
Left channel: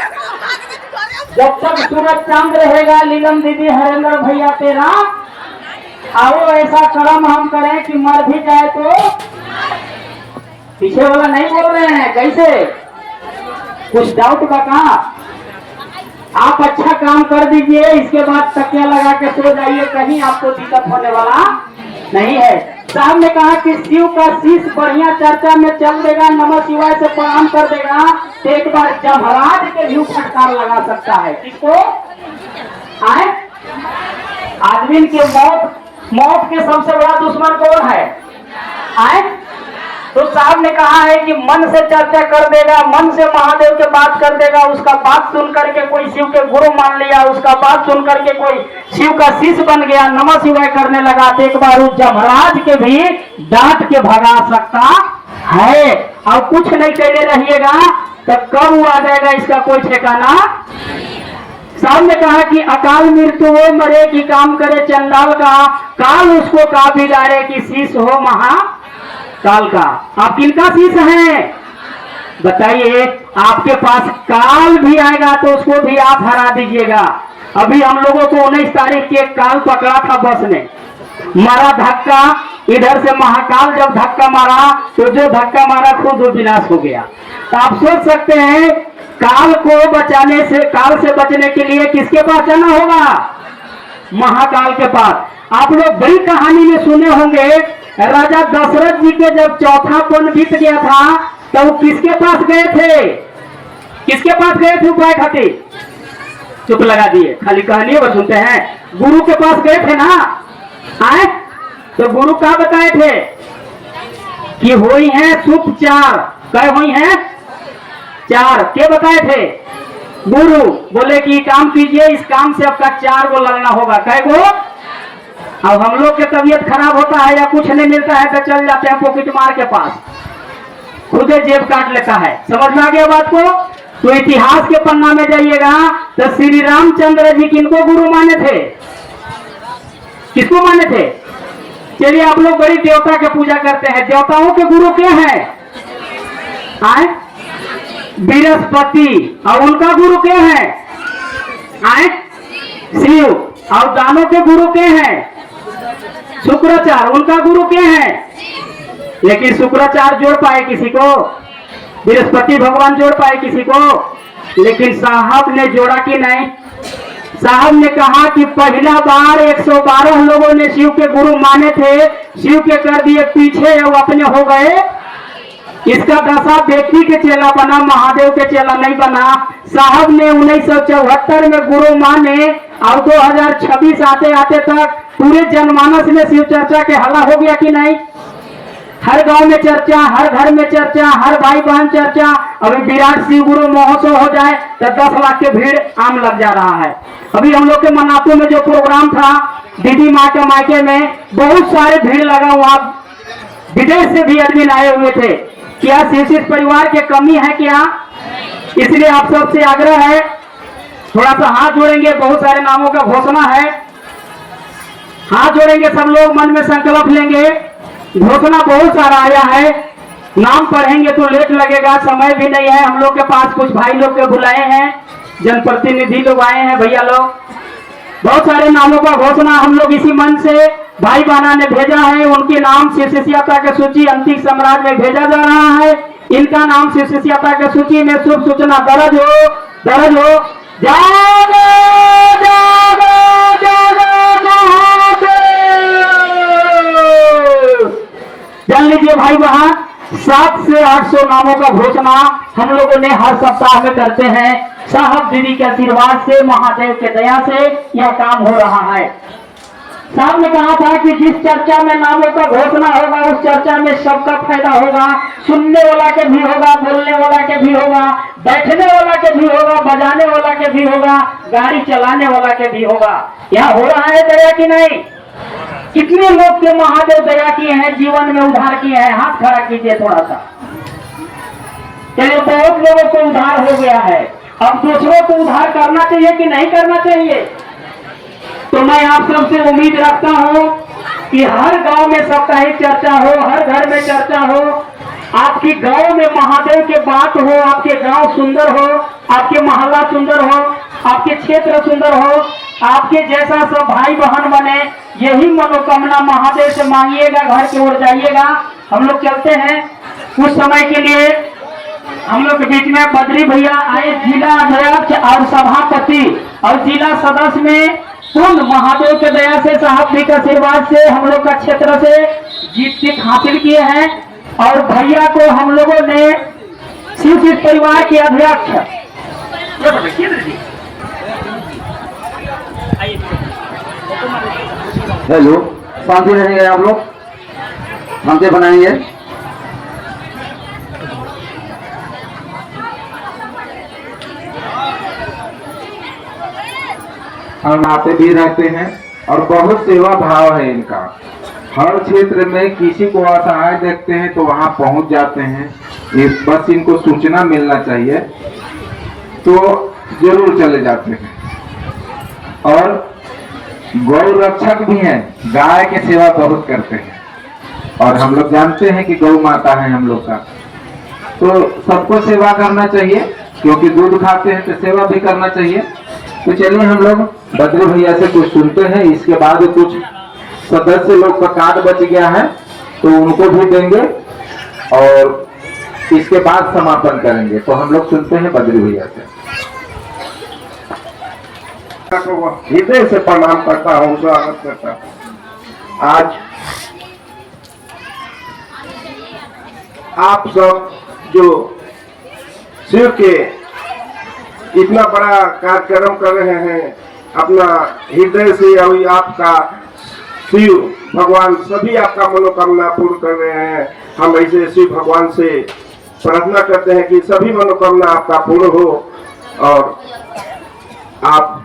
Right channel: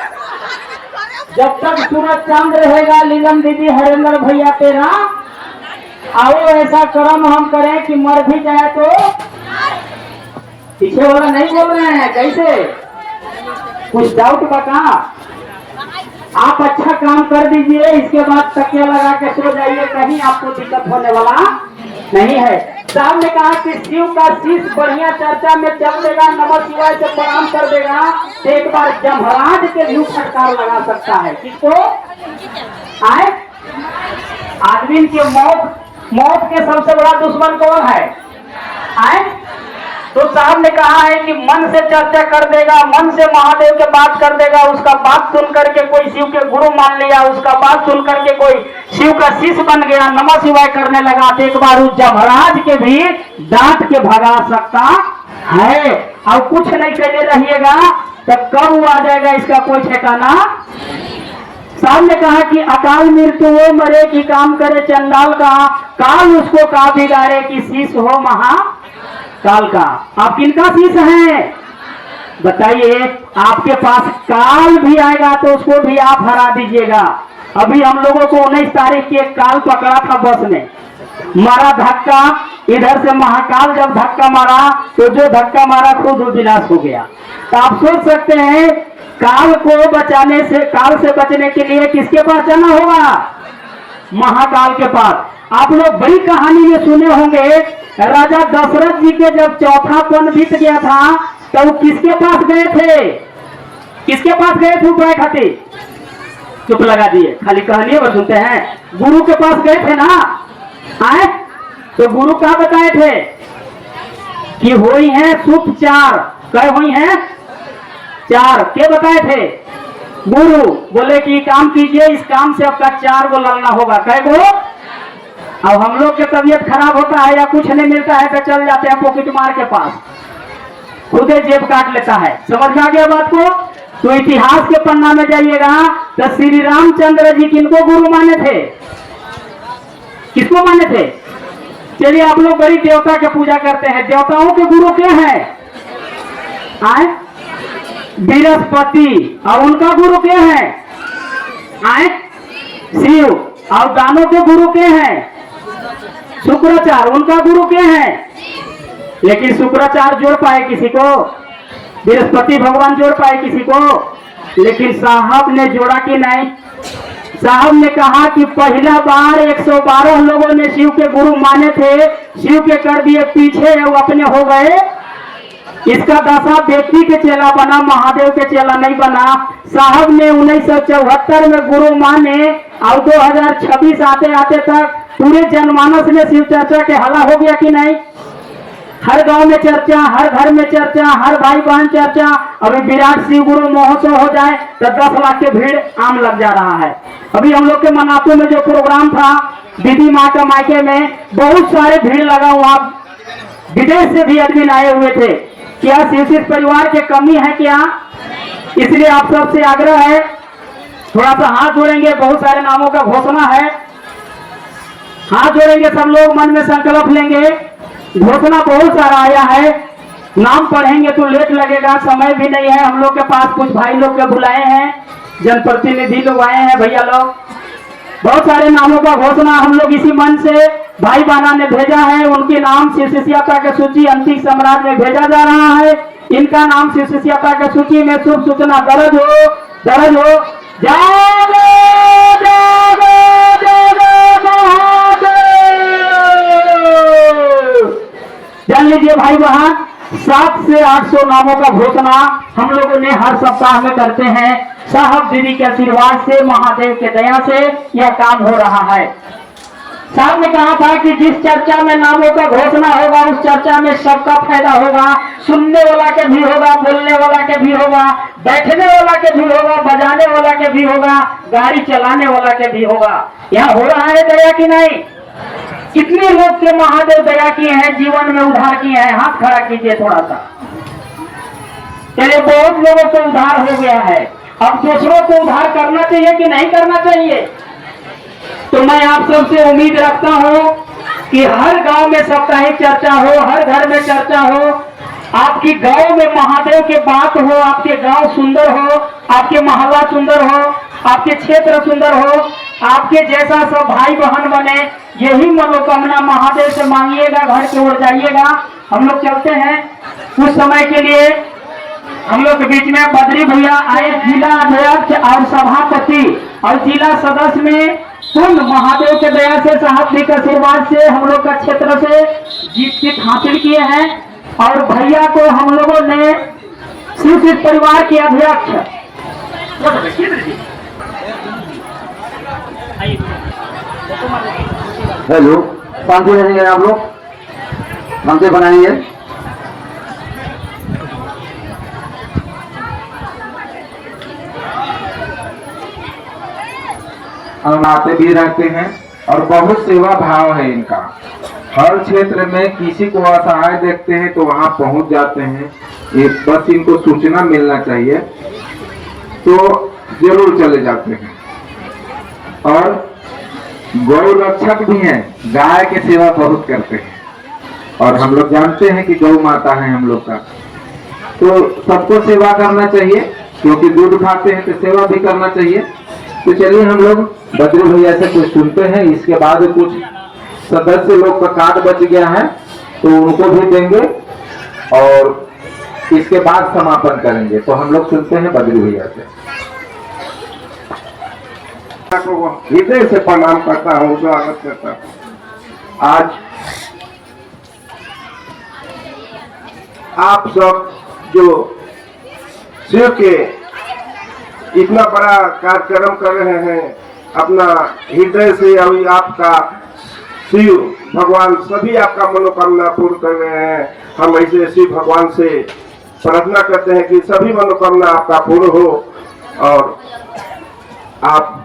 जब तक सूरज चांद रहेगा लीलम दीदी हरेंद्र भैया तेरा, आओ ऐसा कर्म हम करें कि मर भी जाए तो। पीछे वाला नहीं बोल रहे हैं, कैसे? कुछ डाउट बता, आप अच्छा काम कर दीजिए, इसके बाद तकिया लगा के सो जाइए, कहीं आपको दिक्कत होने वाला नहीं है। साहब ने कहा कि शिव का शीश बढ़िया चर्चा में चल देगा, नमः शिवाय से प्रणाम कर देगा, तो एक बार जमराज के भी फटकार लगा सकता है। किसको? आए आदमी के मौत के सबसे बड़ा दुश्मन कौन है? आए तो साहब ने कहा है कि मन से चर्चा कर देगा, मन से महादेव के बात कर देगा, उसका बात सुन करके कोई शिव के गुरु मान लिया, उसका बात सुन करके कोई शिव का शिष्य बन गया, नमः शिवाय करने लगा, तो एक बार उस जमराज के भी डांट के भगा सकता है। और कुछ नहीं कहने रहिएगा तो कब वो आ जाएगा इसका कोई ठिकाना। साहब ने कहा कि अकाल मृत्यु वो मरे कि काम करे चंडाल का, काल उसको का बिगाड़े कि शीश हो महाकाल का। आप किनका शीश हैं बताइए? आपके पास काल भी आएगा तो उसको भी आप हरा दीजिएगा। अभी हम लोगों को 19 तारीख के काल पकड़ा था, बस में मारा धक्का, इधर से महाकाल जब धक्का मारा तो जो धक्का मारा खुद विनाश हो गया। तो आप सोच सकते हैं काल को बचाने से, काल से बचने के लिए किसके पास जाना होगा? महाकाल के पास। आप लोग बड़ी कहानी में सुने होंगे, राजा दशरथ जी के जब चौथा पन बीत गया था तो वो किसके पास गए थे? किसके पास गए थे उपाय खातिर? चुप लगा दिए, खाली कहानी बस सुनते हैं। गुरु के पास गए थे ना, आए तो गुरु क्या बताए थे कि हुई है सुख चार। कह हुई है चार, क्या बताए थे? गुरु बोले कि काम कीजिए, इस काम से आपका 4 गो लगना होगा। कह गो? अब हम लोग की तबीयत खराब होता है या कुछ नहीं मिलता है तो चल जाते हैं पॉकेट मार के पास, खुदे जेब काट लेता है। समझ में आ गया बात को? तो इतिहास के पन्ना में जाइएगा तो श्री रामचंद्र जी किनको गुरु माने थे? किसको माने थे? चलिए आप लोग बड़ी देवता की पूजा करते हैं, देवताओं के गुरु क्या है? आए बृहस्पति। और उनका गुरु क्या है? आए शिव। और दानों के गुरु क्या है? शुक्राचार्य। उनका गुरु क्या है? लेकिन शुक्राचार्य जोड़ पाए किसी को? बृहस्पति भगवान जोड़ पाए किसी को? लेकिन साहब ने जोड़ा कि नहीं? साहब ने कहा कि पहला बार 112 लोगों ने शिव के गुरु माने थे, शिव के कर दिए पीछे, वो अपने हो गए। इसका दशा व्यक्ति के चेला बना, महादेव के चेला नहीं बना। साहब ने 1974 में गुरु माने और 2026 आते आते तक पूरे जनमानस में शिव चर्चा के हला हो गया कि नहीं? हर गांव में चर्चा, हर घर में चर्चा, हर भाई बहन चर्चा। अभी विराट शिव गुरु महोत्सव हो जाए तो 10 लाख के भीड़ आम लग जा रहा है। अभी हम लोग के मनातू में जो प्रोग्राम था दीदी माँ के मायके में, बहुत सारे भीड़ लगा हुआ, विदेश से भी आदमी आए हुए थे। क्या शिव परिवार के कमी है क्या? इसलिए आप सबसे आग्रह है, थोड़ा सा हाथ जोड़ेंगे, बहुत सारे नामों का घोषणा है, हाथ जोड़ेंगे सब लोग, मन में संकल्प लेंगे। घोषणा बहुत सारा आया है, नाम पढ़ेंगे तो लेट लगेगा, समय भी नहीं है। हम लोग के पास कुछ भाई लोग के बुलाए हैं, जनप्रतिनिधि लोग आए हैं, भैया लोग, बहुत सारे नामों का घोषणा हम लोग इसी मन से भाई बहना ने भेजा है। उनके नाम शिव शिष्यता के सूची अंतिम सम्राट में भेजा जा रहा है। इनका नाम शिव शिष्यता के सूची में शुभ सूचना दर्ज हो, दर्ज हो। जागो जागो जागो महादेव। जान लीजिए भाई बहन, 700 से 800 नामों का घोषणा हम लोगों ने हर सप्ताह में करते हैं। साहब दीदी के आशीर्वाद से, महादेव के दया से यह काम हो रहा है। साहब ने कहा था कि जिस चर्चा में नामों का घोषणा होगा उस चर्चा में सबका फायदा होगा, सुनने वाला के भी होगा, बोलने वाला के भी होगा, बैठने वाला के भी होगा, बजाने वाला के भी होगा, गाड़ी चलाने वाला के भी होगा। यहाँ हो रहा है दया कि नहीं? कितने लोग के महादेव दया किए हैं, जीवन में उद्धार किए हैं? हाथ खड़ा कीजिए थोड़ा सा। चलिए, बहुत लोगों को उद्धार हो गया है। अब दूसरों को उद्धार करना चाहिए कि नहीं करना चाहिए? तो मैं आप सबसे उम्मीद रखता हूं कि हर गांव में साप्ताहिक चर्चा हो, हर घर में चर्चा हो, आपकी गांव में महादेव के बात हो, आपके गांव सुंदर हो, आपके मोहल्ला सुंदर हो, आपके क्षेत्र सुंदर हो, आपके जैसा सब भाई बहन बने। यही मनोकामना महादेव से मांगिएगा, घर की ओर जाइएगा। हम लोग चलते हैं। कुछ समय के लिए हम लोग के बीच में बद्री भैया आए, जिला अध्यक्ष और सभापति और जिला सदस्य में कुल महादेव के दया से, साहब जी के आशीर्वाद से हम लोग का क्षेत्र से जीत हासिल किए हैं। और भैया को हम लोगों ने शिव परिवार के अध्यक्ष, हेलो, शांति रहेंगे आप लोग, शांति बनाएंगे। हम आते भी रहते हैं और बहुत सेवा भाव है इनका। हर क्षेत्र में किसी को असहाय देखते हैं तो वहां पहुंच जाते हैं। ये बस इनको सूचना मिलना चाहिए तो जरूर चले जाते हैं। और गौ रक्षक भी हैं, गाय की सेवा बहुत करते हैं। और हम लोग जानते हैं कि गौ माता है हम लोग का, तो सबको सेवा करना चाहिए, क्योंकि दूध खाते हैं तो सेवा भी करना चाहिए। तो चलिए हम लोग बद्री भैया से कुछ सुनते हैं। इसके बाद कुछ सदस्य लोग का कार्ड बच गया है तो उनको भी देंगे और इसके बाद समापन करेंगे। तो हम लोग सुनते हैं बद्री भैया से। हृदय से प्रणाम करता हूँ, स्वागत करता हूँ। आज आप सब जो शिव के इतना बड़ा कार्यक्रम कर रहे हैं, अपना हृदय से और आपका शिव भगवान सभी आपका मनोकामना पूर्ण कर रहे हैं। हम ऐसे शिव भगवान से प्रार्थना करते हैं कि सभी मनोकामना आपका पूर्ण हो और आप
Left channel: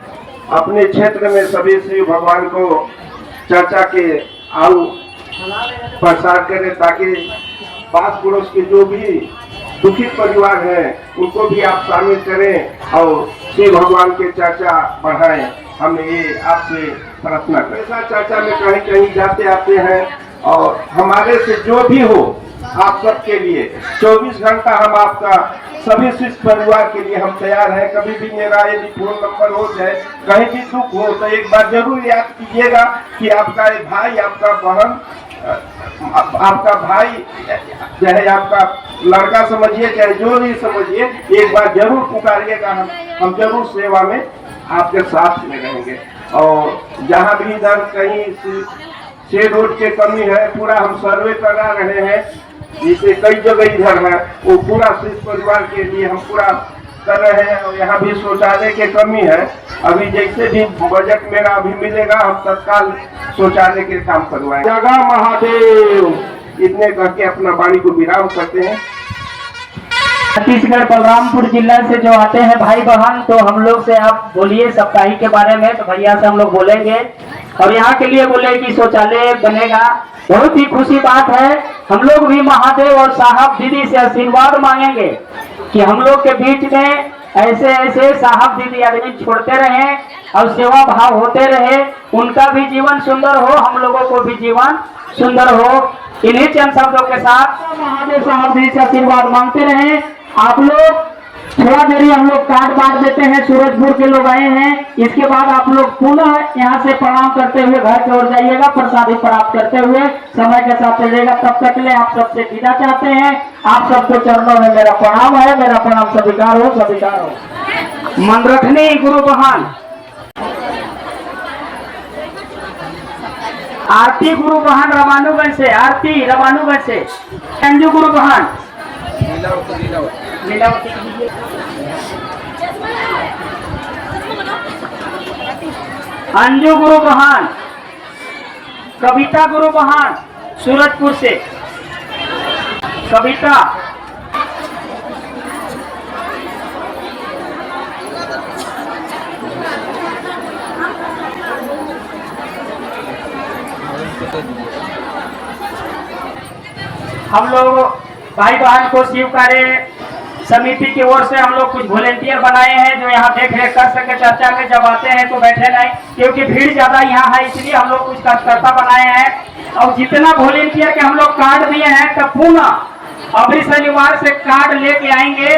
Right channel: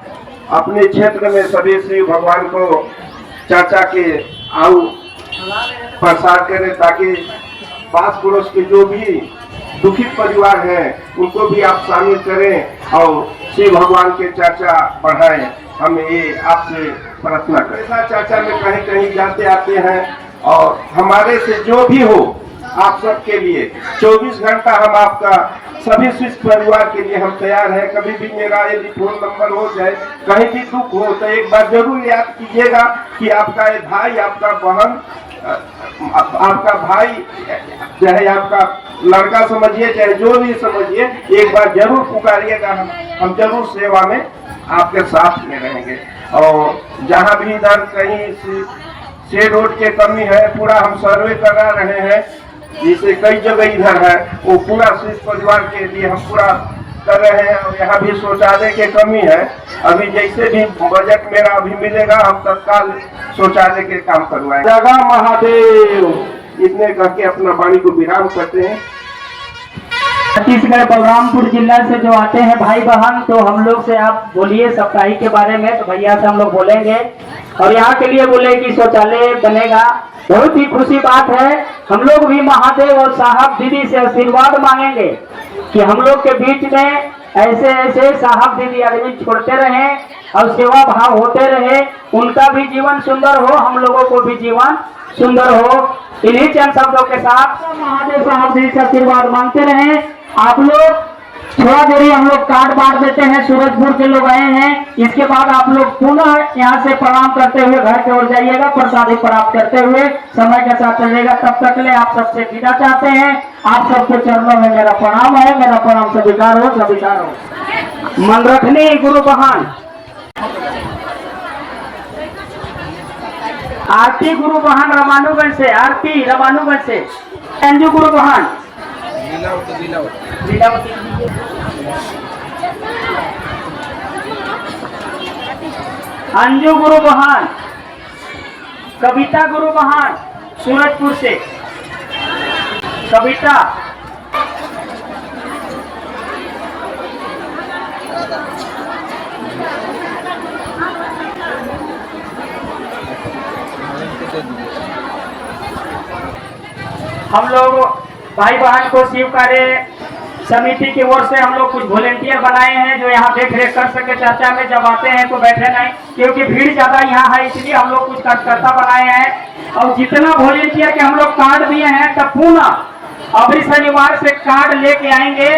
अपने क्षेत्र में सभी शिव भगवान को चर्चा के आउ प्रसार करें, ताकि पास पड़ोस के जो भी दुखित परिवार है उनको भी आप शामिल करें और शिव भगवान के चर्चा बढ़ाएं। हम ये आपसे प्रार्थना करें। ऐसा चर्चा में कहीं कहीं जाते आते हैं और हमारे से जो भी हो आप सबके लिए 24 घंटा हम आपका सभी शिष्य परिवार के लिए हम तैयार हैं। कभी भी मेरा यदि फोन नंबर हो जाए, कहीं भी दुख हो तो एक बार जरूर याद कीजिएगा कि आपका एक भाई, आपका बहन, आपका भाई, चाहे आपका लड़का समझिए, चाहे जो भी समझिए, एक बार जरूर पुकारिएगा। हम जरूर सेवा में आपके साथ में रहेंगे। और जहाँ भी इधर कहीं शेड रोड के कमी है, पूरा हम सर्वे करा रहे हैं। जिसे कई जगह इधर है वो पूरा शिष्य परिवार के लिए हम पूरा कर रहे हैं। और यहाँ भी शौचालय की कमी है। अभी जैसे भी बजट मेरा अभी मिलेगा हम तत्काल शौचालय के काम करवाएं। जगह महादेव, इतने करके अपना वाणी को विराम करते हैं। छत्तीसगढ़ बलरामपुर जिला से जो आते हैं भाई बहन, तो हम लोग से आप बोलिए साप्ताहिक के बारे में। तो भैया से हम लोग बोलेंगे और यहाँ के लिए बोले कि शौचालय बनेगा। बहुत ही खुशी बात है। हम लोग भी महादेव और साहब दीदी से आशीर्वाद मांगेंगे कि हम लोग के बीच में ऐसे ऐसे साहब दीदी आदमी छोड़ते रहे और सेवा भाव होते रहे, उनका भी जीवन सुंदर हो, हम लोगों को भी जीवन सुंदर हो। इन्हीं चंद शब्दों के साथ महादेव साहब दीदी से आशीर्वाद मांगते रहे। आप लोग थोड़ा देरी हम लोग कार्ड बांट देते हैं। सूरजपुर के लोग आए हैं। इसके बाद आप लोग पुनः यहाँ से प्रणाम करते हुए घर की ओर जाइएगा, प्रसादी प्राप्त करते हुए समय के साथ चलिएगा। तब तक के लिए आप सबसे विदा चाहते हैं। आप सबको चरणों में मेरा प्रणाम है। मेरा प्रणाम स्वीकार हो, स्वीकार हो। मन रखनी गुरु बहन, आरती गुरु बहन रमानुगंज से, आरती रमानुगंज से, अंजू गुरु बहन, अंजू गुरु बहन, कविता गुरु महान सूरजपुर से। कविता हम लोग भाई बहन को शिव कार्य समिति की ओर से हम लोग कुछ वॉलेंटियर बनाए हैं जो यहाँ देख रेख कर सके। चर्चा में जब आते हैं तो बैठे नहीं, क्योंकि भीड़ ज्यादा यहाँ है, इसलिए हम लोग कुछ कार्यकर्ता बनाए हैं। और जितना वॉलेंटियर के हम लोग कार्ड दिए हैं तब पुनः अभी शनिवार से कार्ड लेके आएंगे